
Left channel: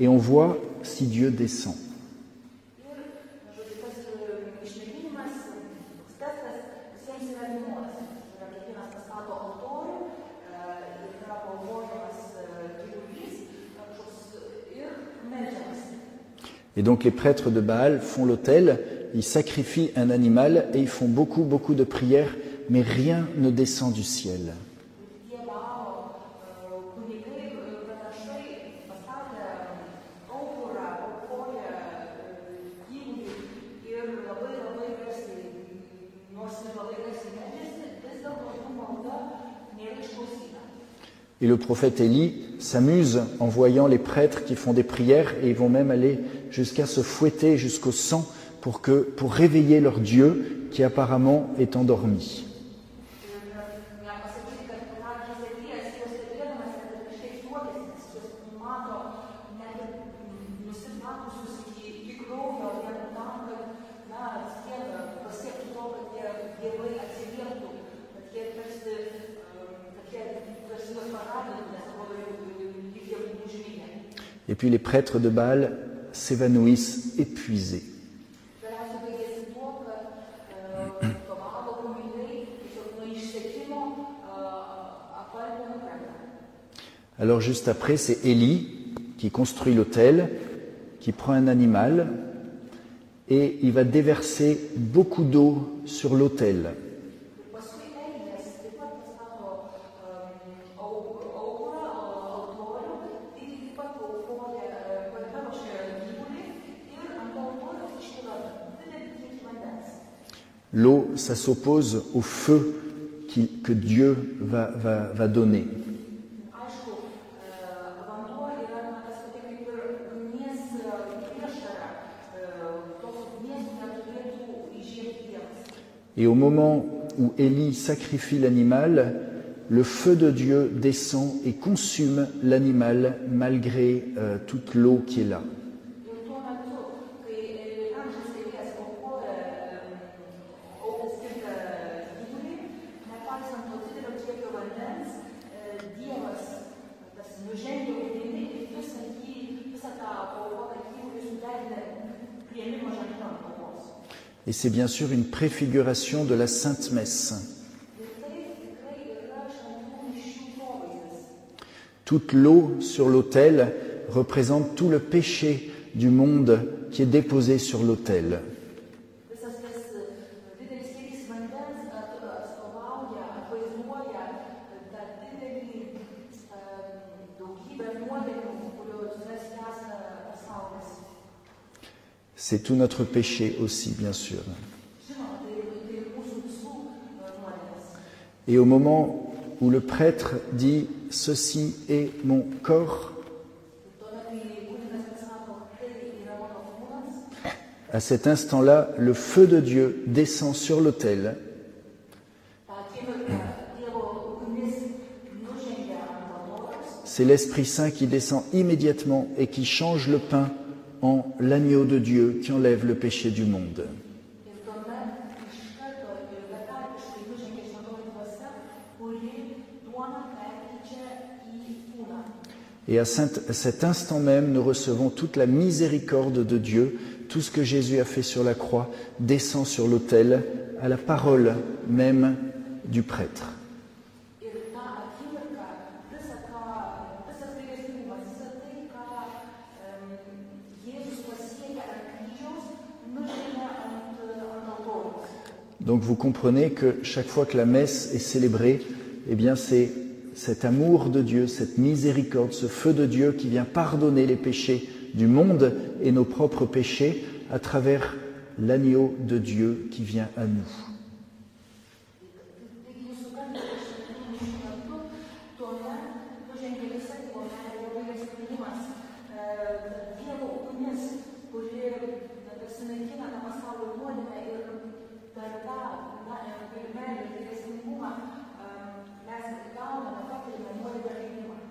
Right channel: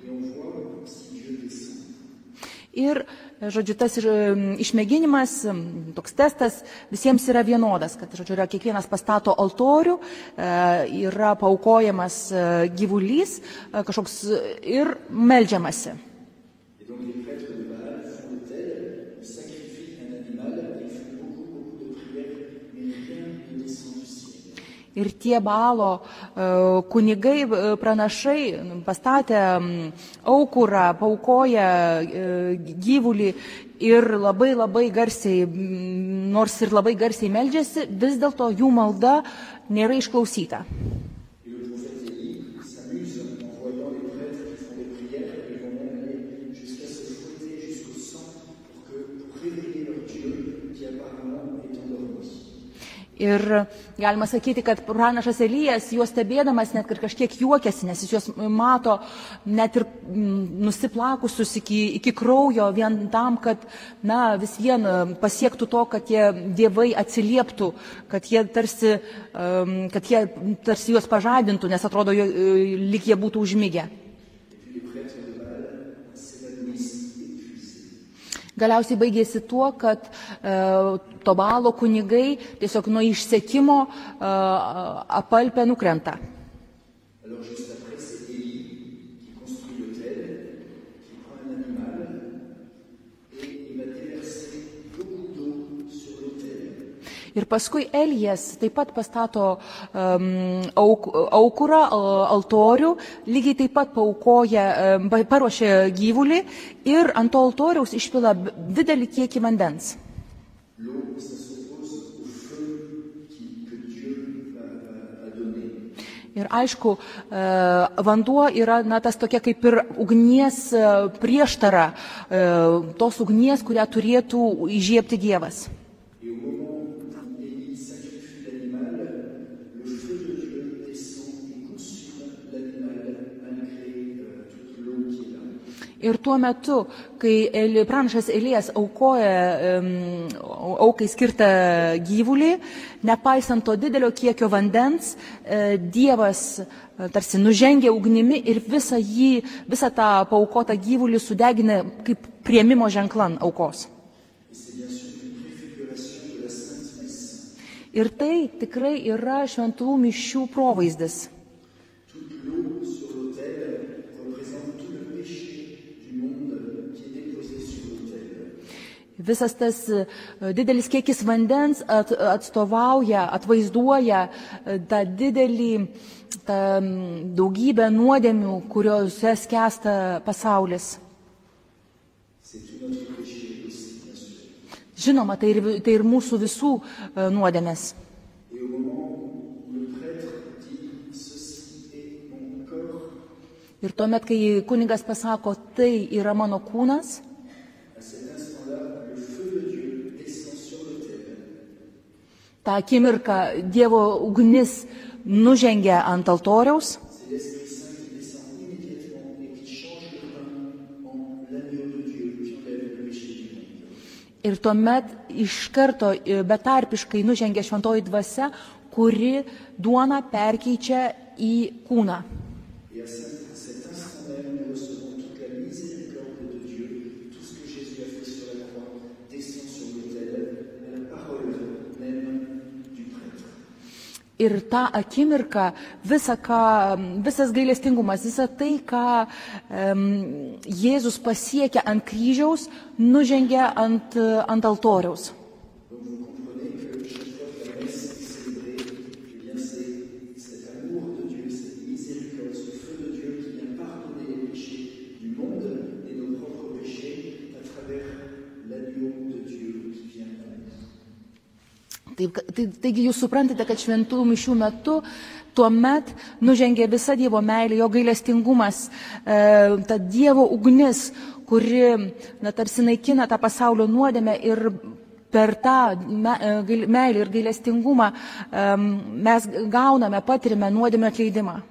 et on voit si Dieu descend. Ir žodžiu, tas išmėginimas, toks testas visiems yra vienodas, kad, žodžiu, yra kiekvienas pastato altorių, yra paaukojamas gyvulys kažkoks ir meldžiamasi. Et donc les prêtres de Baal font l'autel, ils sacrifient un animal et ils font beaucoup de prières, mais rien ne descend du ciel. Ir tie Baalo kunigai, pranašai pastatė aukurą, paaukoja gyvulį ir labai garsiai, nors ir labai garsiai meldžiasi, vis dėlto jų malda nėra išklausyta. Et le prophète Élie s'amuse en voyant les prêtres qui font des prières et ils vont même aller jusqu'à se fouetter jusqu'au sang pour réveiller leur Dieu qui apparemment est endormi. Ir galima sakyti, kad pranašas Elijas, juos stebėdamas, net ir kažkiek juokiasi, nes jis juos mato net ir nusiplakusius iki kraujo vien tam, kad vis vien pasiektų to, kad tie dievai atsilieptų, kad jie tarsi juos pažadintų, nes atrodo, lyg jie būtų užmigę. Et puis les prêtres de Baal s'évanouissent épuisés. Galiausiai baigėsi tuo, kad to Baalo kunigai tiesiog nuo išsekimo apalpę nukrenta. Alors juste après, c'est Élie qui construit l'autel, qui prend un animal et il va déverser beaucoup d'eau sur l'autel. Ir paskui Elijas taip pat pastato aukurą, altorių, lygiai taip pat paruošia gyvulį ir ant to altoriaus išpila didelį kiekį vandens. L'eau, ça s'oppose au feu que Dieu va donner. Ir aišku, vanduo yra tas tokia kaip ir ugnies prieštara, tos ugnies, kurią turėtų įžiebti Dievas. Et au moment où Élie sacrifie l'animal, le feu de Dieu descend et consume l'animal malgré toute l'eau qui est là. Ir tuo metu, kai pranašas Elijas aukoja aukai skirtą gyvulį, nepaisant to didelio kiekio vandens, Dievas tarsi nužengia ugnimi ir visą tą paaukotą gyvulį sudegina kaip priėmimo ženklan aukos. Et c'est bien sûr une préfiguration de la Sainte Messe. Ir tai tikrai yra šventų mišių provaizdis. Toute l'eau sur l'autel représente tout le péché du monde qui est déposé sur l'autel. Visas tas didelis kiekis vandens atvaizduoja tą didelį daugybę nuodėmių, kuriuose skęsta pasaulis. C'est tout notre péché aussi, bien sûr. Žinoma, tai ir mūsų visų nuodėmės. Et au moment où le prêtre dit « Ceci est mon corps », ir tuomet, kai kunigas pasako, tai yra mano kūnas, à cet instant-là, le feu de Dieu descend sur l'autel. Ta akimirka Dievo ugnis nužengia ant altoriaus. C'est l'Esprit Saint qui descend immédiatement et qui change le pain en l'agneau de Dieu qui enlève le péché du monde. Ir tuomet iš karto betarpiškai nužengia šventoji dvasia, kuri duoną perkeičia į kūną. Et à cet instant même, nous recevons toute la miséricorde de Dieu. Tout ce que Jésus a fait sur la croix descend sur l'autel à la parole même du prêtre. Ir tą akimirką visas gailestingumas, visa tai, ką Jėzus pasiekia ant kryžiaus, nužengia ant altoriaus. Donc vous comprenez que chaque fois que la messe est célébrée, eh bien c'est cet amour de Dieu, cette miséricorde, ce feu de Dieu qui vient pardonner les péchés du monde et nos propres péchés à travers l'agneau de Dieu qui vient à nous. Taigi jūs suprantate, kad šventų mišių metu tuomet nužengia visa Dievo meilė, jo gailestingumas, ta Dievo ugnis, kuri tarsi naikina tą pasaulio nuodėmę ir per tą meilę ir gailestingumą mes gauname, patirime nuodėmę atleidimą.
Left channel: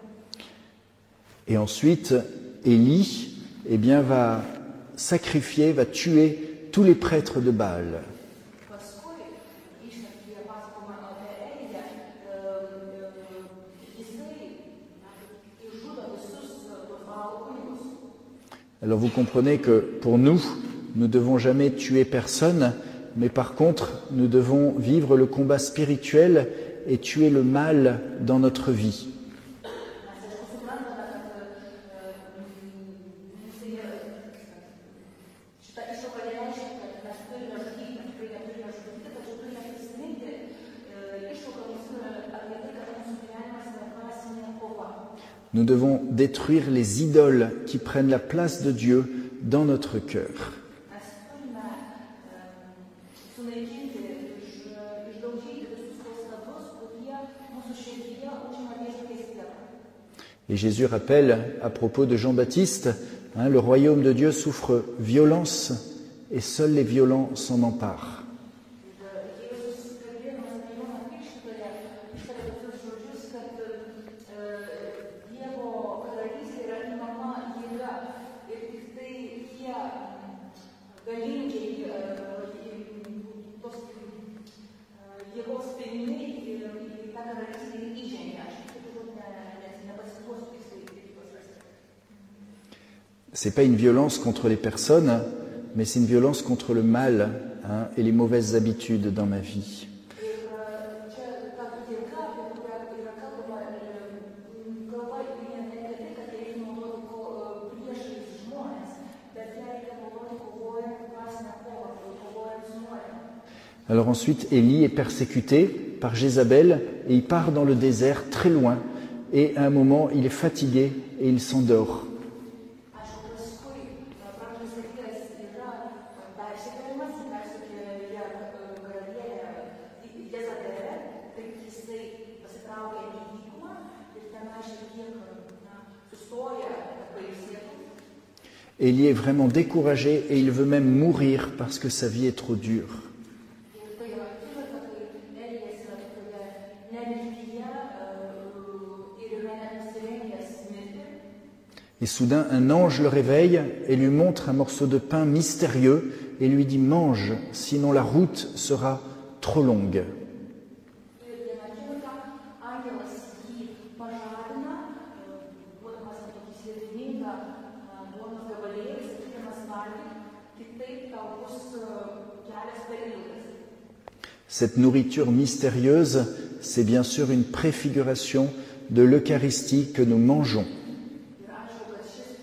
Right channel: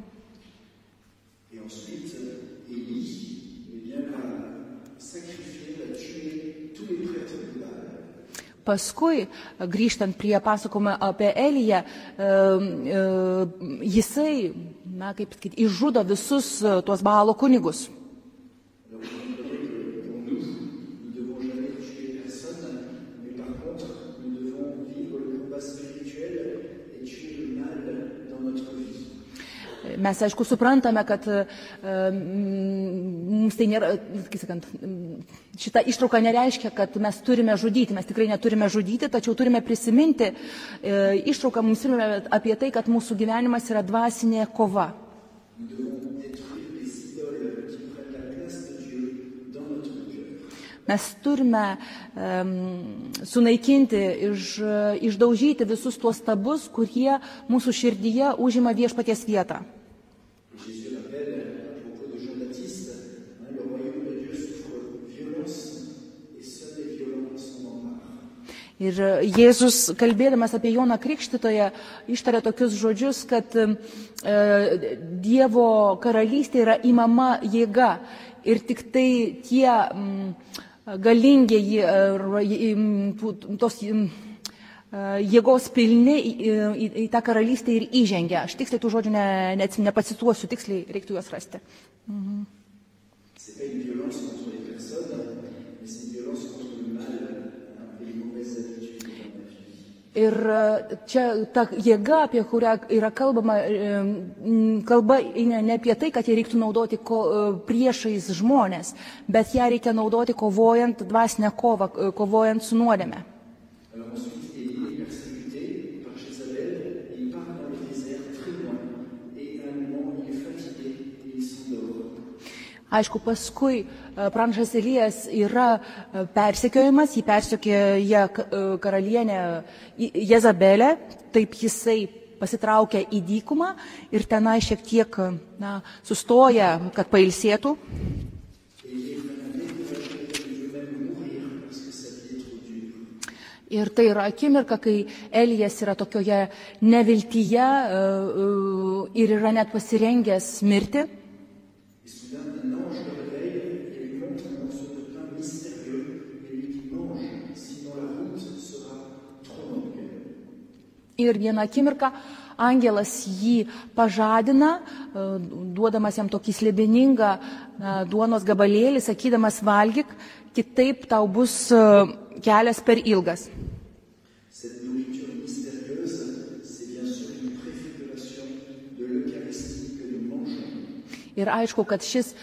Et ensuite, Élie, eh bien, va sacrifier, va tuer tous les prêtres de Baal. Paskui, grįžtant prie pasakojimo apie Eliją, jisai, išžudo visus tuos Baalo kunigus. Alors vous comprenez que pour nous, nous ne devons jamais tuer personne, mais par contre, nous devons vivre le combat spirituel et tuer le mal dans notre vie. Mes, aišku, suprantame, kad mums tai nėra, kaip sakant, šita ištrauka nereiškia, kad mes turime žudyti, mes tikrai neturime žudyti, tačiau turime prisiminti, ištrauka mums yra apie tai, kad mūsų gyvenimas yra dvasinė kova. Nous devons détruire les idoles qui prennent la place de Dieu dans notre cœur. Mes turime sunaikinti, išdaužyti visus tuos stabus, kurie mūsų širdyje užima viešpaties vietą. Et Jésus rappelle à propos de Jean-Baptiste, le royaume de Dieu souffre violence et seuls les violents s'en emparent. Ir Jėzus, kalbėdamas apie Joną Krikštytoją, ištarė tokius žodžius, kad Dievo karalystė yra imama jėga ir tik tai tie galingieji, tos jėgos pilni į tą karalystę ir įžengia. Aš tiksliai tų žodžių nepacituosiu, tiksliai reiktų juos rasti. C'est pas une violence contre les personnes, mais c'est une violence contre le mal et les mauvaises habitudes dans ma vie. Ir čia ta jėga, apie kurią yra kalbama, kalba ne apie tai, kad ją reiktų naudoti priešais žmonės, bet ją reikia naudoti kovojant dvasinę kovą, kovojant su nuodėme. Alors ensuite, Élie est persécuté par Jézabel et il part dans le désert très loin et à un moment, il est fatigué et il s'endort. Aišku, paskui pranašas Elijas yra persekiojimas, jį persekioja karalienė Jezabelė, taip jisai pasitraukia į dykumą ir tenai šiek tiek sustoja, kad pailsėtų. Élie est vraiment découragé et il veut même mourir parce que sa vie est trop dure. Ir tai yra akimirka, kai Elijas yra tokioje neviltyje ir yra net pasirengęs mirti. Et soudain, un ange le réveille et lui montre un morceau de pain mystérieux et lui dit « Mange, sinon la route sera trop longue. » Ir vieną akimirką angelas jį pažadina, duodamas jam tokį slėpiningą duonos gabalėlį, sakydamas valgyk, kitaip tau bus kelias per ilgas. Cette nourriture mystérieuse, c'est bien sûr une préfiguration de l'Eucharistie que nous mangeons. Ir aišku, kad šis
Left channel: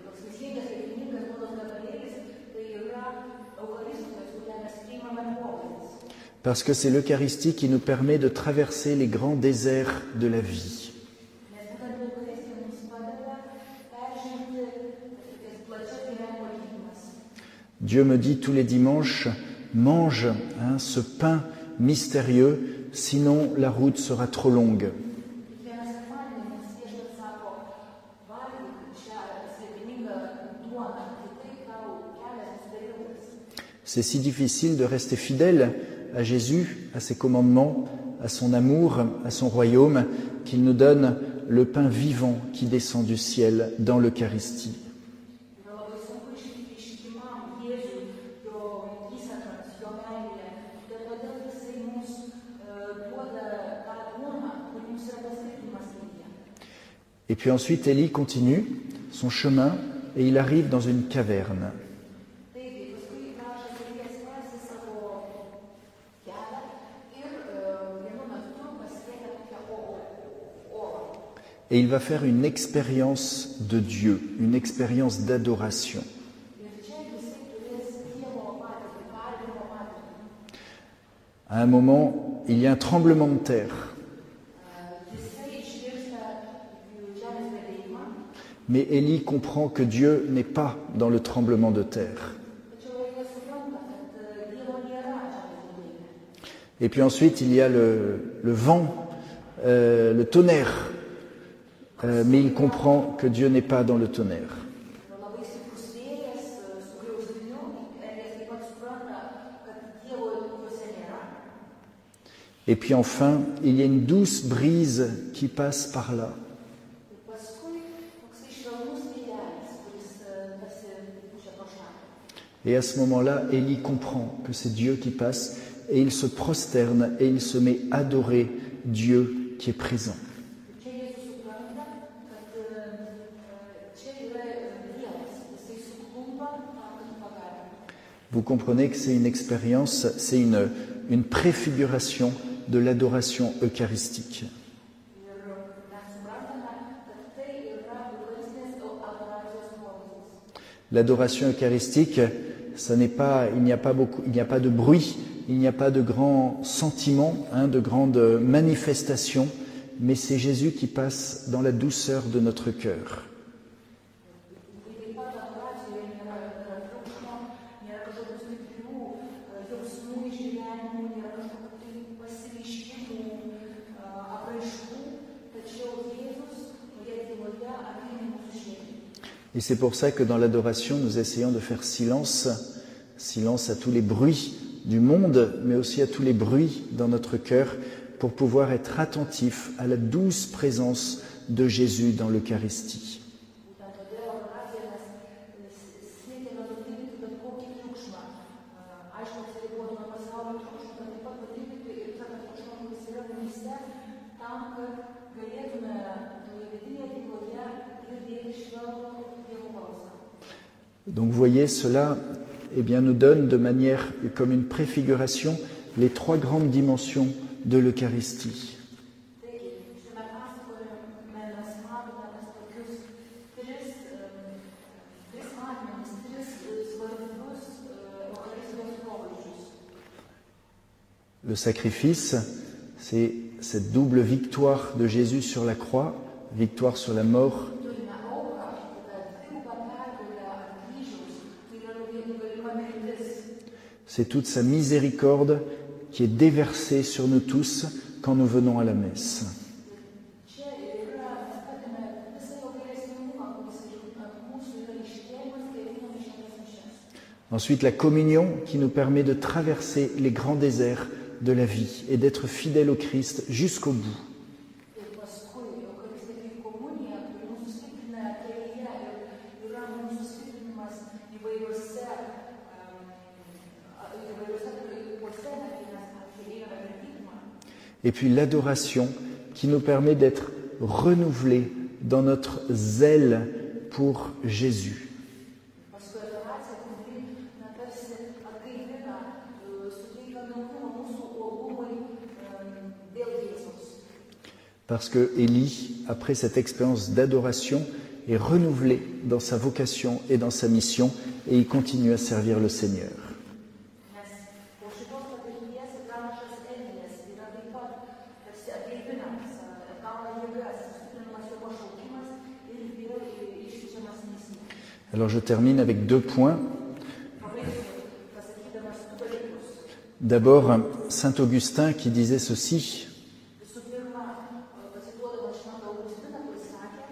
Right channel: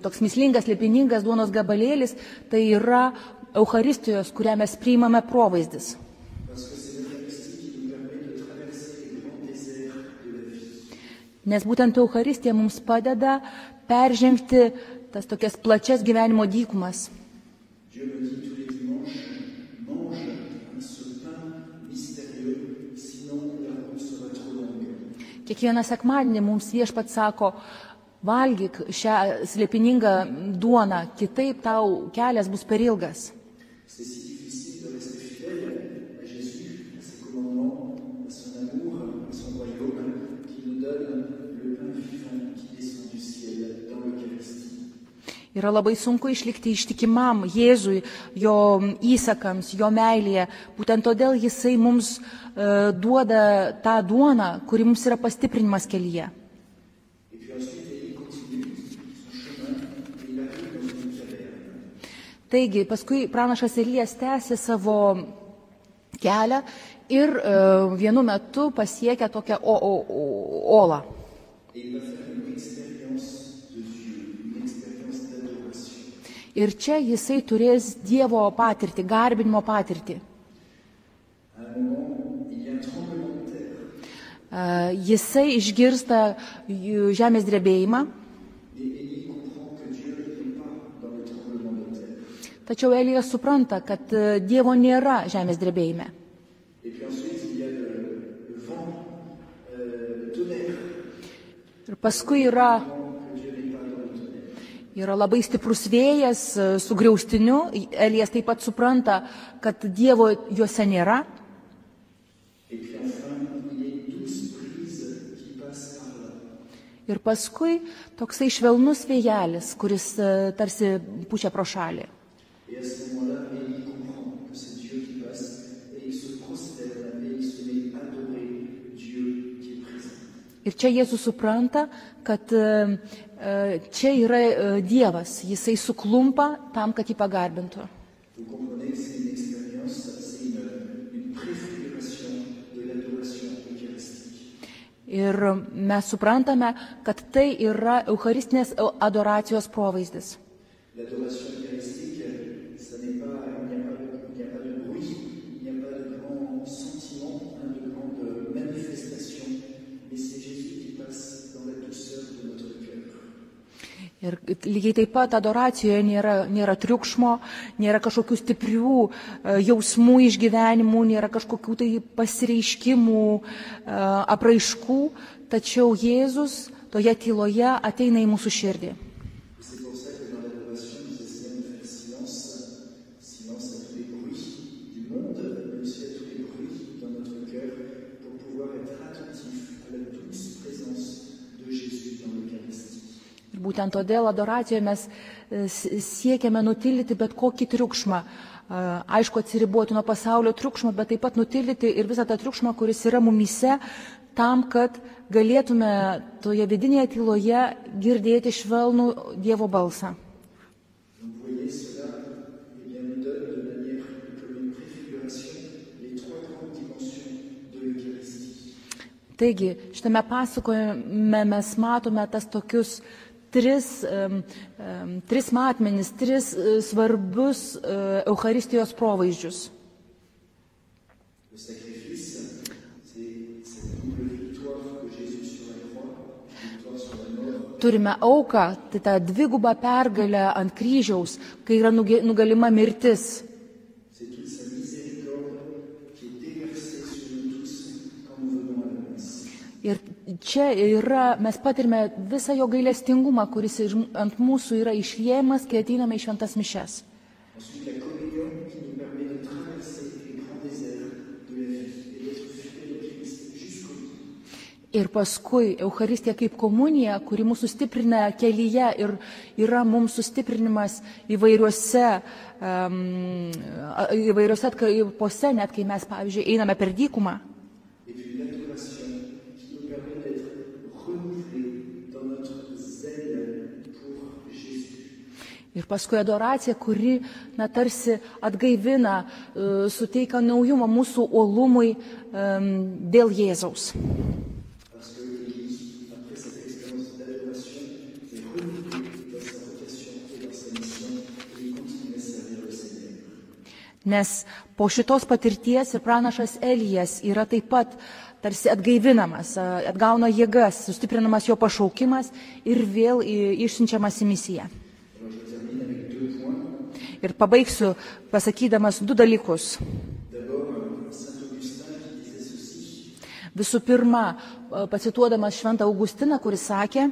toks mįslingas, slėpiningas duonos gabalėlis, tai yra Eucharistijos, kurią mes priimame provaizdis. Parce que c'est l'Eucharistie qui nous permet de traverser les grands déserts de la vie. Nes būtent Eucharistija mums padeda peržengti tas tokias plačias gyvenimo dykumas. Dieu me dit tous les dimanches, mange ce pain mystérieux, sinon la route sera trop longue. Kiekvieną sekmadienį mums Viešpats sako, valgyk šią slėpiningą duoną, kitaip tau kelias bus per ilgas. C'est si difficile de rester fidèle à Jésus, à ses commandements, à son amour, à son royaume, qu'il nous donne le pain vivant qui descend du ciel dans l'Eucharistie. Yra labai sunku išlikti ištikimam Jėzui, jo įsakams, jo meilėje. Būtent todėl jisai mums duoda tą duoną, kuri mums yra pastiprinimas kelyje. Et puis ensuite, Élie continue son chemin et il arrive dans une caverne. Taigi, paskui pranašas Elijas tęsė savo kelią ir vienu metu pasiekia tokią olą. Et il va faire une expérience de Dieu, une expérience d'adoration. Ir čia jisai turės Dievo patirtį, garbinimo patirtį. À un moment, il y a un tremblement de terre. Jisai išgirsta žemės drebėjimą. Mais Élie comprend que Dieu n'est pas dans le tremblement de terre. Tačiau Elijas supranta, kad Dievo nėra žemės drebėjime. Et puis ensuite, il y a le vent, le tonnerre. Mais il comprend que Dieu n'est pas dans le tonnerre. Yra labai stiprus vėjas su griaustiniu. Elijas taip pat supranta, kad Dievo juose nėra. Et puis enfin, il y a une douce brise qui passe par là. Ir paskui toksai švelnus vėjelis, kuris tarsi pučia pro šalį. Et à ce moment-là, Élie comprend que c'est Dieu qui passe et il se prosterne et il se met à adorer Dieu qui est présent. Ir čia Jėzus supranta, kad čia yra Dievas, jisai suklumpa tam, kad jį pagarbintų. Vous comprenez que c'est une expérience, c'est une préfiguration de l'adoration eucharistique. Ir mes suprantame, kad tai yra Eucharistinės adoracijos provaizdis. L'adoration eucharistique, il n'y a pas de bruit, il n'y a pas de grands sentiments, de grandes manifestations, mais c'est Jésus qui passe dans la douceur de notre cœur. Ir lygiai taip pat adoracijoje nėra triukšmo, nėra kažkokių stiprių jausmų išgyvenimų, nėra kažkokių tai pasireiškimų, apraiškų, tačiau Jėzus toje tyloje ateina į mūsų širdį. Et c'est pour ça que dans l'adoration, nous essayons de faire silence à tous les bruits du monde, mais aussi à tous les bruits dans notre cœur, pour pouvoir être attentifs à la douce présence de Jésus dans l'Eucharistie. Būtent todėl adoracijoje mes siekiame nutildyti bet kokį triukšmą. Aišku, atsiriboti nuo pasaulio triukšmo, bet taip pat nutildyti ir visą tą triukšmą, kuris yra mumyse, tam, kad galėtume toje vidinėje tyloje girdėti švelnų Dievo balsą. Donc vous voyez, cela nous donne de manière comme une préfiguration les trois grandes dimensions de l'Eucharistie. Taigi, šitame pasakojime mes matome tas tokius tris matmenis, tris svarbius Eucharistijos provaizdžius. Le sacrifice, c'est cette double victoire de Jésus sur la croix, victoire sur la mort. Turime auką, tai ta dviguba pergalė ant kryžiaus, kai yra nugalima mirtis. C'est toute sa miséricorde qui est déversée sur nous tous quand nous venons à la messe. Ir čia mes patirime visą jo gailestingumą, kuris ant mūsų yra išliejamas, kai ateiname į šventas mišias. Ensuite, la communion qui nous permet de traverser les grands déserts de la vie et d'être fidèles au Christ jusqu'au bout. Ir paskui Eucharistija kaip komunija, kuri mūsų stiprina kelyje ir yra mums sustiprinimas įvairiuose atkarpose, net kai mes, pavyzdžiui, einame per dykumą. Et puis l'adoration qui nous permet d'être renouvelés dans notre zèle pour Jésus. Ir paskui adoracija, kuri tarsi atgaivina, suteikia naujumą mūsų uolumui dėl Jėzaus. Parce que Élie, après cette expérience d'adoration, est renouvelé dans sa vocation et dans sa mission et il continue à servir le Seigneur. Nes po šitos patirties ir pranašas Elijas yra taip pat tarsi atgaivinamas, atgauna jėgas, sustiprinamas jo pašaukimas ir vėl išsiunčiamas į misiją. Alors je termine avec 2 points. Ir pabaigsiu pasakydamas 2 dalykus. D'abord, Saint Augustin qui disait ceci. Visų pirma, pacituodamas Šventą Augustiną, kuris sakė,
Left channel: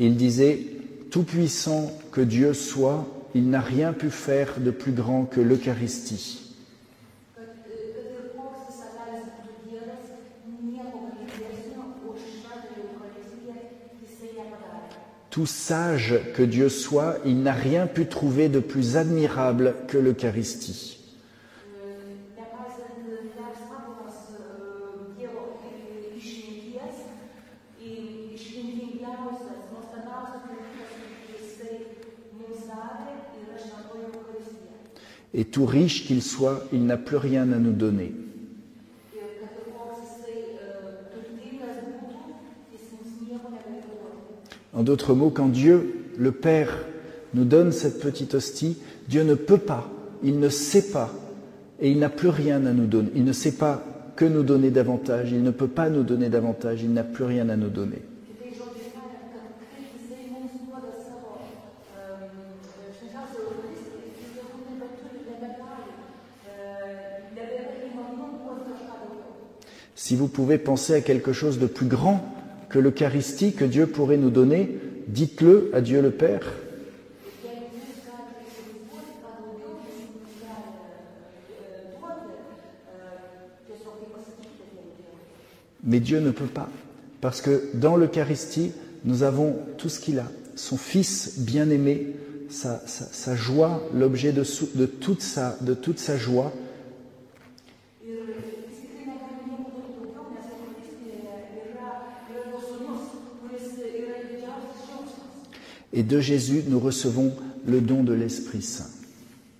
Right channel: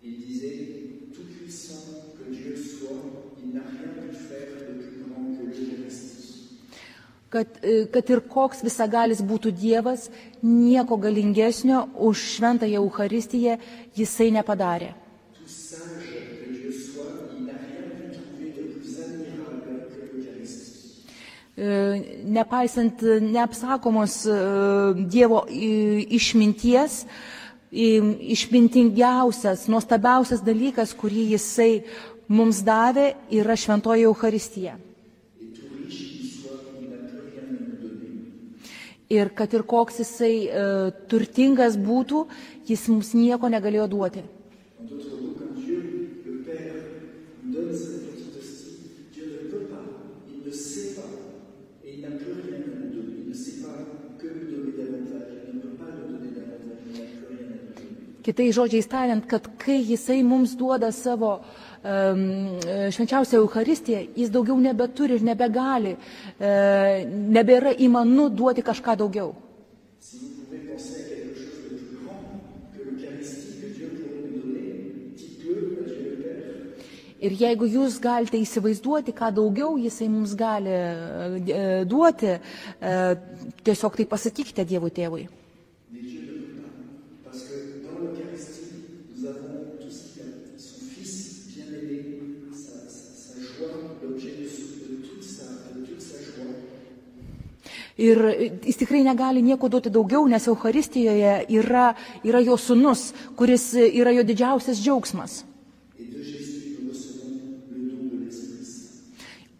il disait, tout puissant que Dieu soit, il n'a rien pu faire de plus grand que l'Eucharistie. Kad ir koks visagalis būtų Dievas, nieko galingesnio už Šventąją Eucharistiją jisai nepadarė. Tout sage que Dieu soit, il n'a rien pu trouver de plus admirable que l'Eucharistie. Nepaisant neapsakomos Dievo išminties, išmintingiausias, nuostabiausias dalykas, kurį jisai mums davė, yra Šventoji Eucharistija. Et tout riche qu'il soit, il n'a plus rien à nous donner. Ir kad ir koks jisai turtingas būtų, jis mums nieko negalėjo duoti. En d'autres mots, quand Dieu, le Père, nous donne cette petite hostie, Dieu ne peut pas, il ne sait pas, et il n'a plus rien à nous donner. Il ne sait pas que nous donner davantage, il ne peut pas nous donner davantage, il n'a plus rien à nous donner. Kitais žodžiais tariant, kad kai jisai mums duoda savo švenčiausią Eucharistiją, jis daugiau nebeturi ir nebegali, nebėra įmanu duoti kažką daugiau. Si vous pouvez penser à quelque chose de plus grand que l'Eucharistie que Dieu pourrait nous donner, dites-le à Dieu le Père. Ir jeigu jūs galite įsivaizduoti, ką daugiau jisai mums gali duoti, tiesiog tai pasakykite Dievui Tėvui. Mais Dieu ne peut pas, parce que dans l'Eucharistie, nous avons tout ce qu'il a, son Fils bien-aimé, sa joie, l'objet de toute sa joie. Ir jis tikrai negali nieko duoti daugiau, nes Eucharistijoje yra jo sūnus, kuris yra jo didžiausias džiaugsmas. Et de Jésus, nous recevons le don de l'Esprit Saint.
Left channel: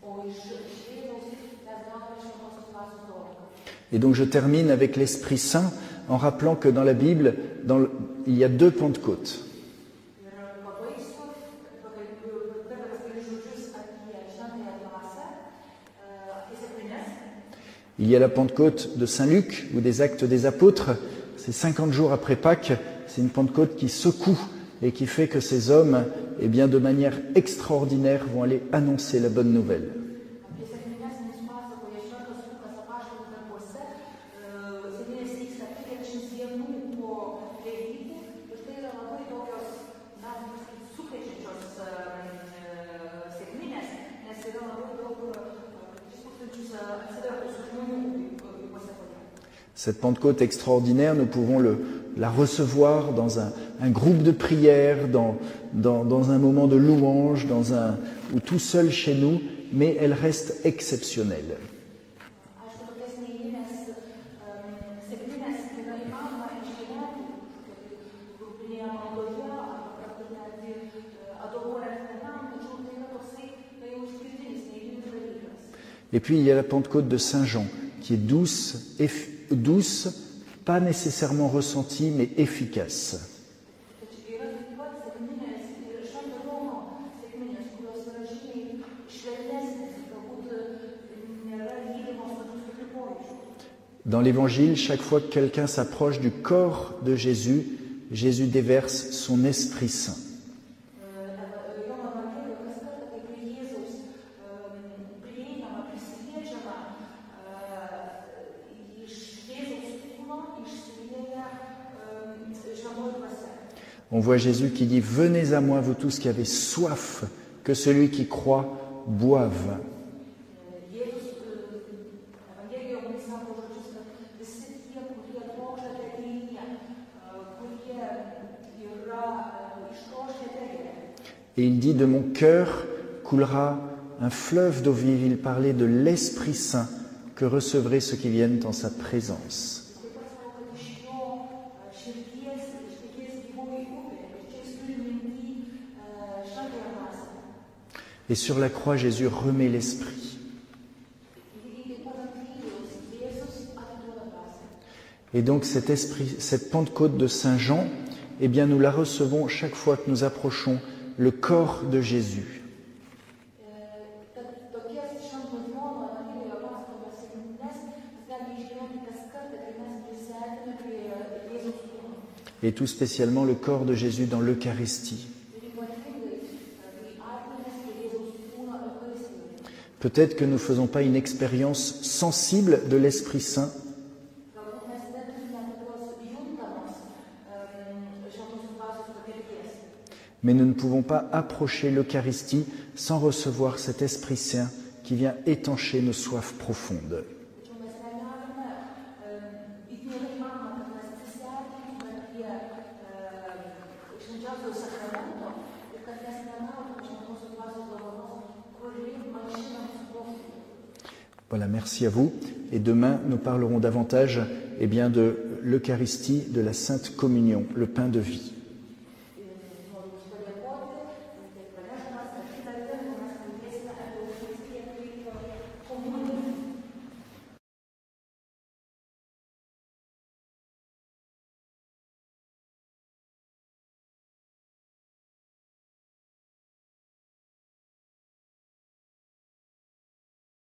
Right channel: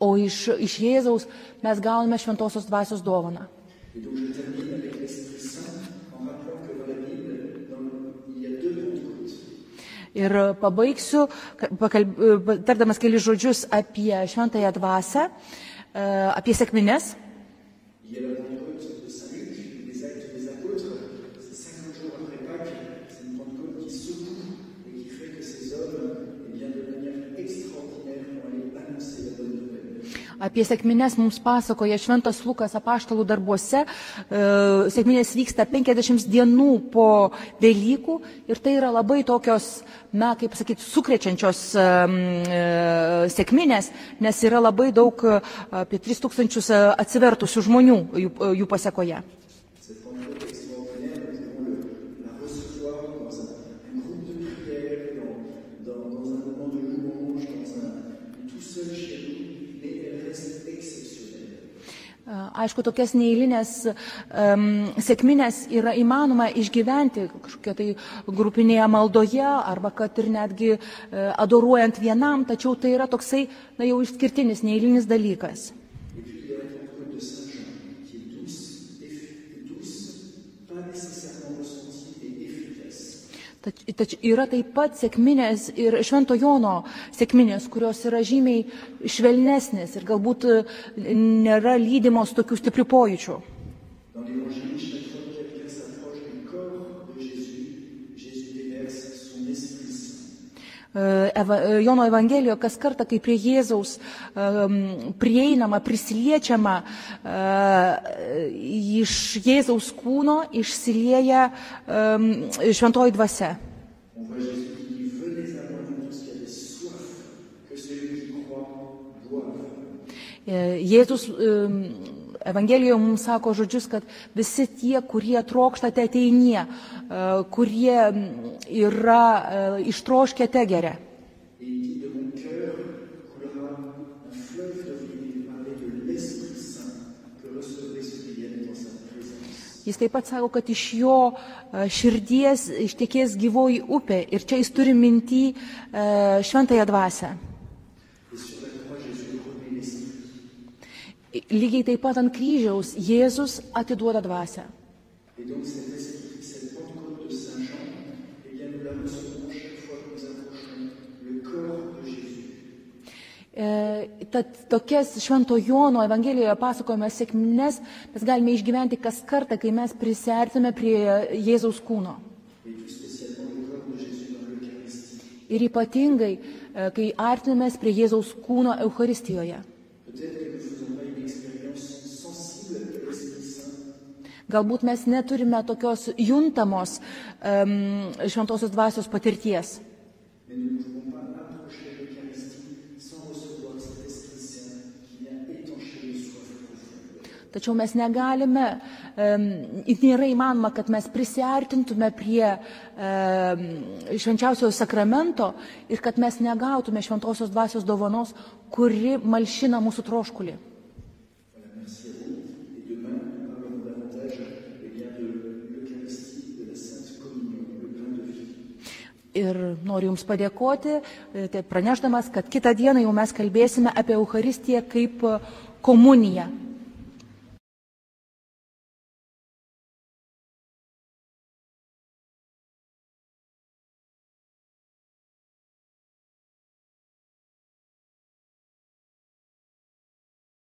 O iš Jėzaus mes gauname šventosios dvasios dovaną. Et donc je termine avec l'Esprit Saint en rappelant que dans la Bible, il y a 2 Pentecôtes. Ir pabaigsiu, tardamas kelius žodžius apie šventąją dvasią, apie sekmines. Il y a la Pentecôte de Saint Luc ou des Actes des Apôtres, c'est 50 jours après Pâques, c'est une Pentecôte qui secoue et qui fait que ces hommes, eh bien, de manière extraordinaire, vont aller annoncer la bonne nouvelle. Apie sekmines mums pasakoja Šventas Lukas apaštalų darbuose. Sekminės vyksta 50 dienų po Velykų ir tai yra labai tokios, kaip sakyti, sukrečiančios sekminės, nes yra labai daug, apie 3000 atsivertusių žmonių jų pasekoje. Cette Pentecôte extraordinaire, nous pouvons la recevoir dans un groupe de prière, dans un moment de louange, ou tout seul chez nous, mais elle reste exceptionnelle. Aišku, tokias neeilinės sekminės yra įmanoma išgyventi kažkokia tai grupinėje maldoje arba kad ir netgi adoruojant vienam, tačiau tai yra toksai jau išskirtinis, neeilinis dalykas. Et puis il y a la Pentecôte de Saint Jean, qui est douce, pas nécessairement ressentie, mais efficace. Yra taip pat sekminės ir Švento Jono sekminės, kurios yra žymiai švelnesnės ir galbūt nėra lydimos tokių stiprių pojūčių. Dans l'Évangile, chaque fois que quelqu'un s'approche du corps de Jésus, Jésus déverse son Esprit Saint. Jono Evangelijoje kas kartą, kai prie Jėzaus prieinama, prisiliečiama, iš Jėzaus kūno išsilieja šventoji dvasia. On voit Jésus qui dit: Venez à moi, vous tous qui avez soif, que celui qui croit boive. Jėzus Evangelijoje mums sako žodžius, kad visi tie, kurie trokštate, ateinie, kurie yra ištroškę, te geria. Et il dit: De mon cœur coulera un fleuve d'eau vive. Il parlait de l'Esprit Saint que recevraient ceux qui viennent en sa présence. Jis taip pat sako, kad iš jo širdies ištekės gyvoji upė ir čia jis turi minty šventąją dvasią. Et sur la croix, Jésus remet l'Esprit. Lygiai taip pat ant kryžiaus Jėzus atiduoda dvasią. Et donc cette Pentecôte de Saint Jean, eh bien nous la recevons chaque fois que nous approchons le corps de Jésus. Tad tokias Švento Jono Evangelijoje pasakojame sekmines mes galime išgyventi kas kartą, kai mes prisiartime prie Jėzaus kūno. Et tout spécialement le corps de Jésus dans l'Eucharistie. Ir ypatingai, kai artinamės prie Jėzaus kūno Eucharistijoje. Peut-être que nous ne faisons pas une expérience sensible de l'Esprit Saint. Galbūt mes neturime tokios juntamos šventosios dvasios patirties. Mais nous ne pouvons pas approcher l'Eucharistie sans recevoir cet Esprit Saint qui vient étancher nos soifs profondes. Tačiau mes negalime, nėra įmanoma, kad mes prisiartintume prie švenčiausiojo sakramento ir kad mes negautume šventosios dvasios dovanos, kuri malšina mūsų troškulį. Voilà, merci à vous. Et demain, nous parlerons davantage de l'Eucharistie, de la Sainte Communion, le pain de vie. Ir noriu Jums padėkoti, pranešdamas, kad kitą dieną jau mes kalbėsime apie Eucharistiją kaip komuniją.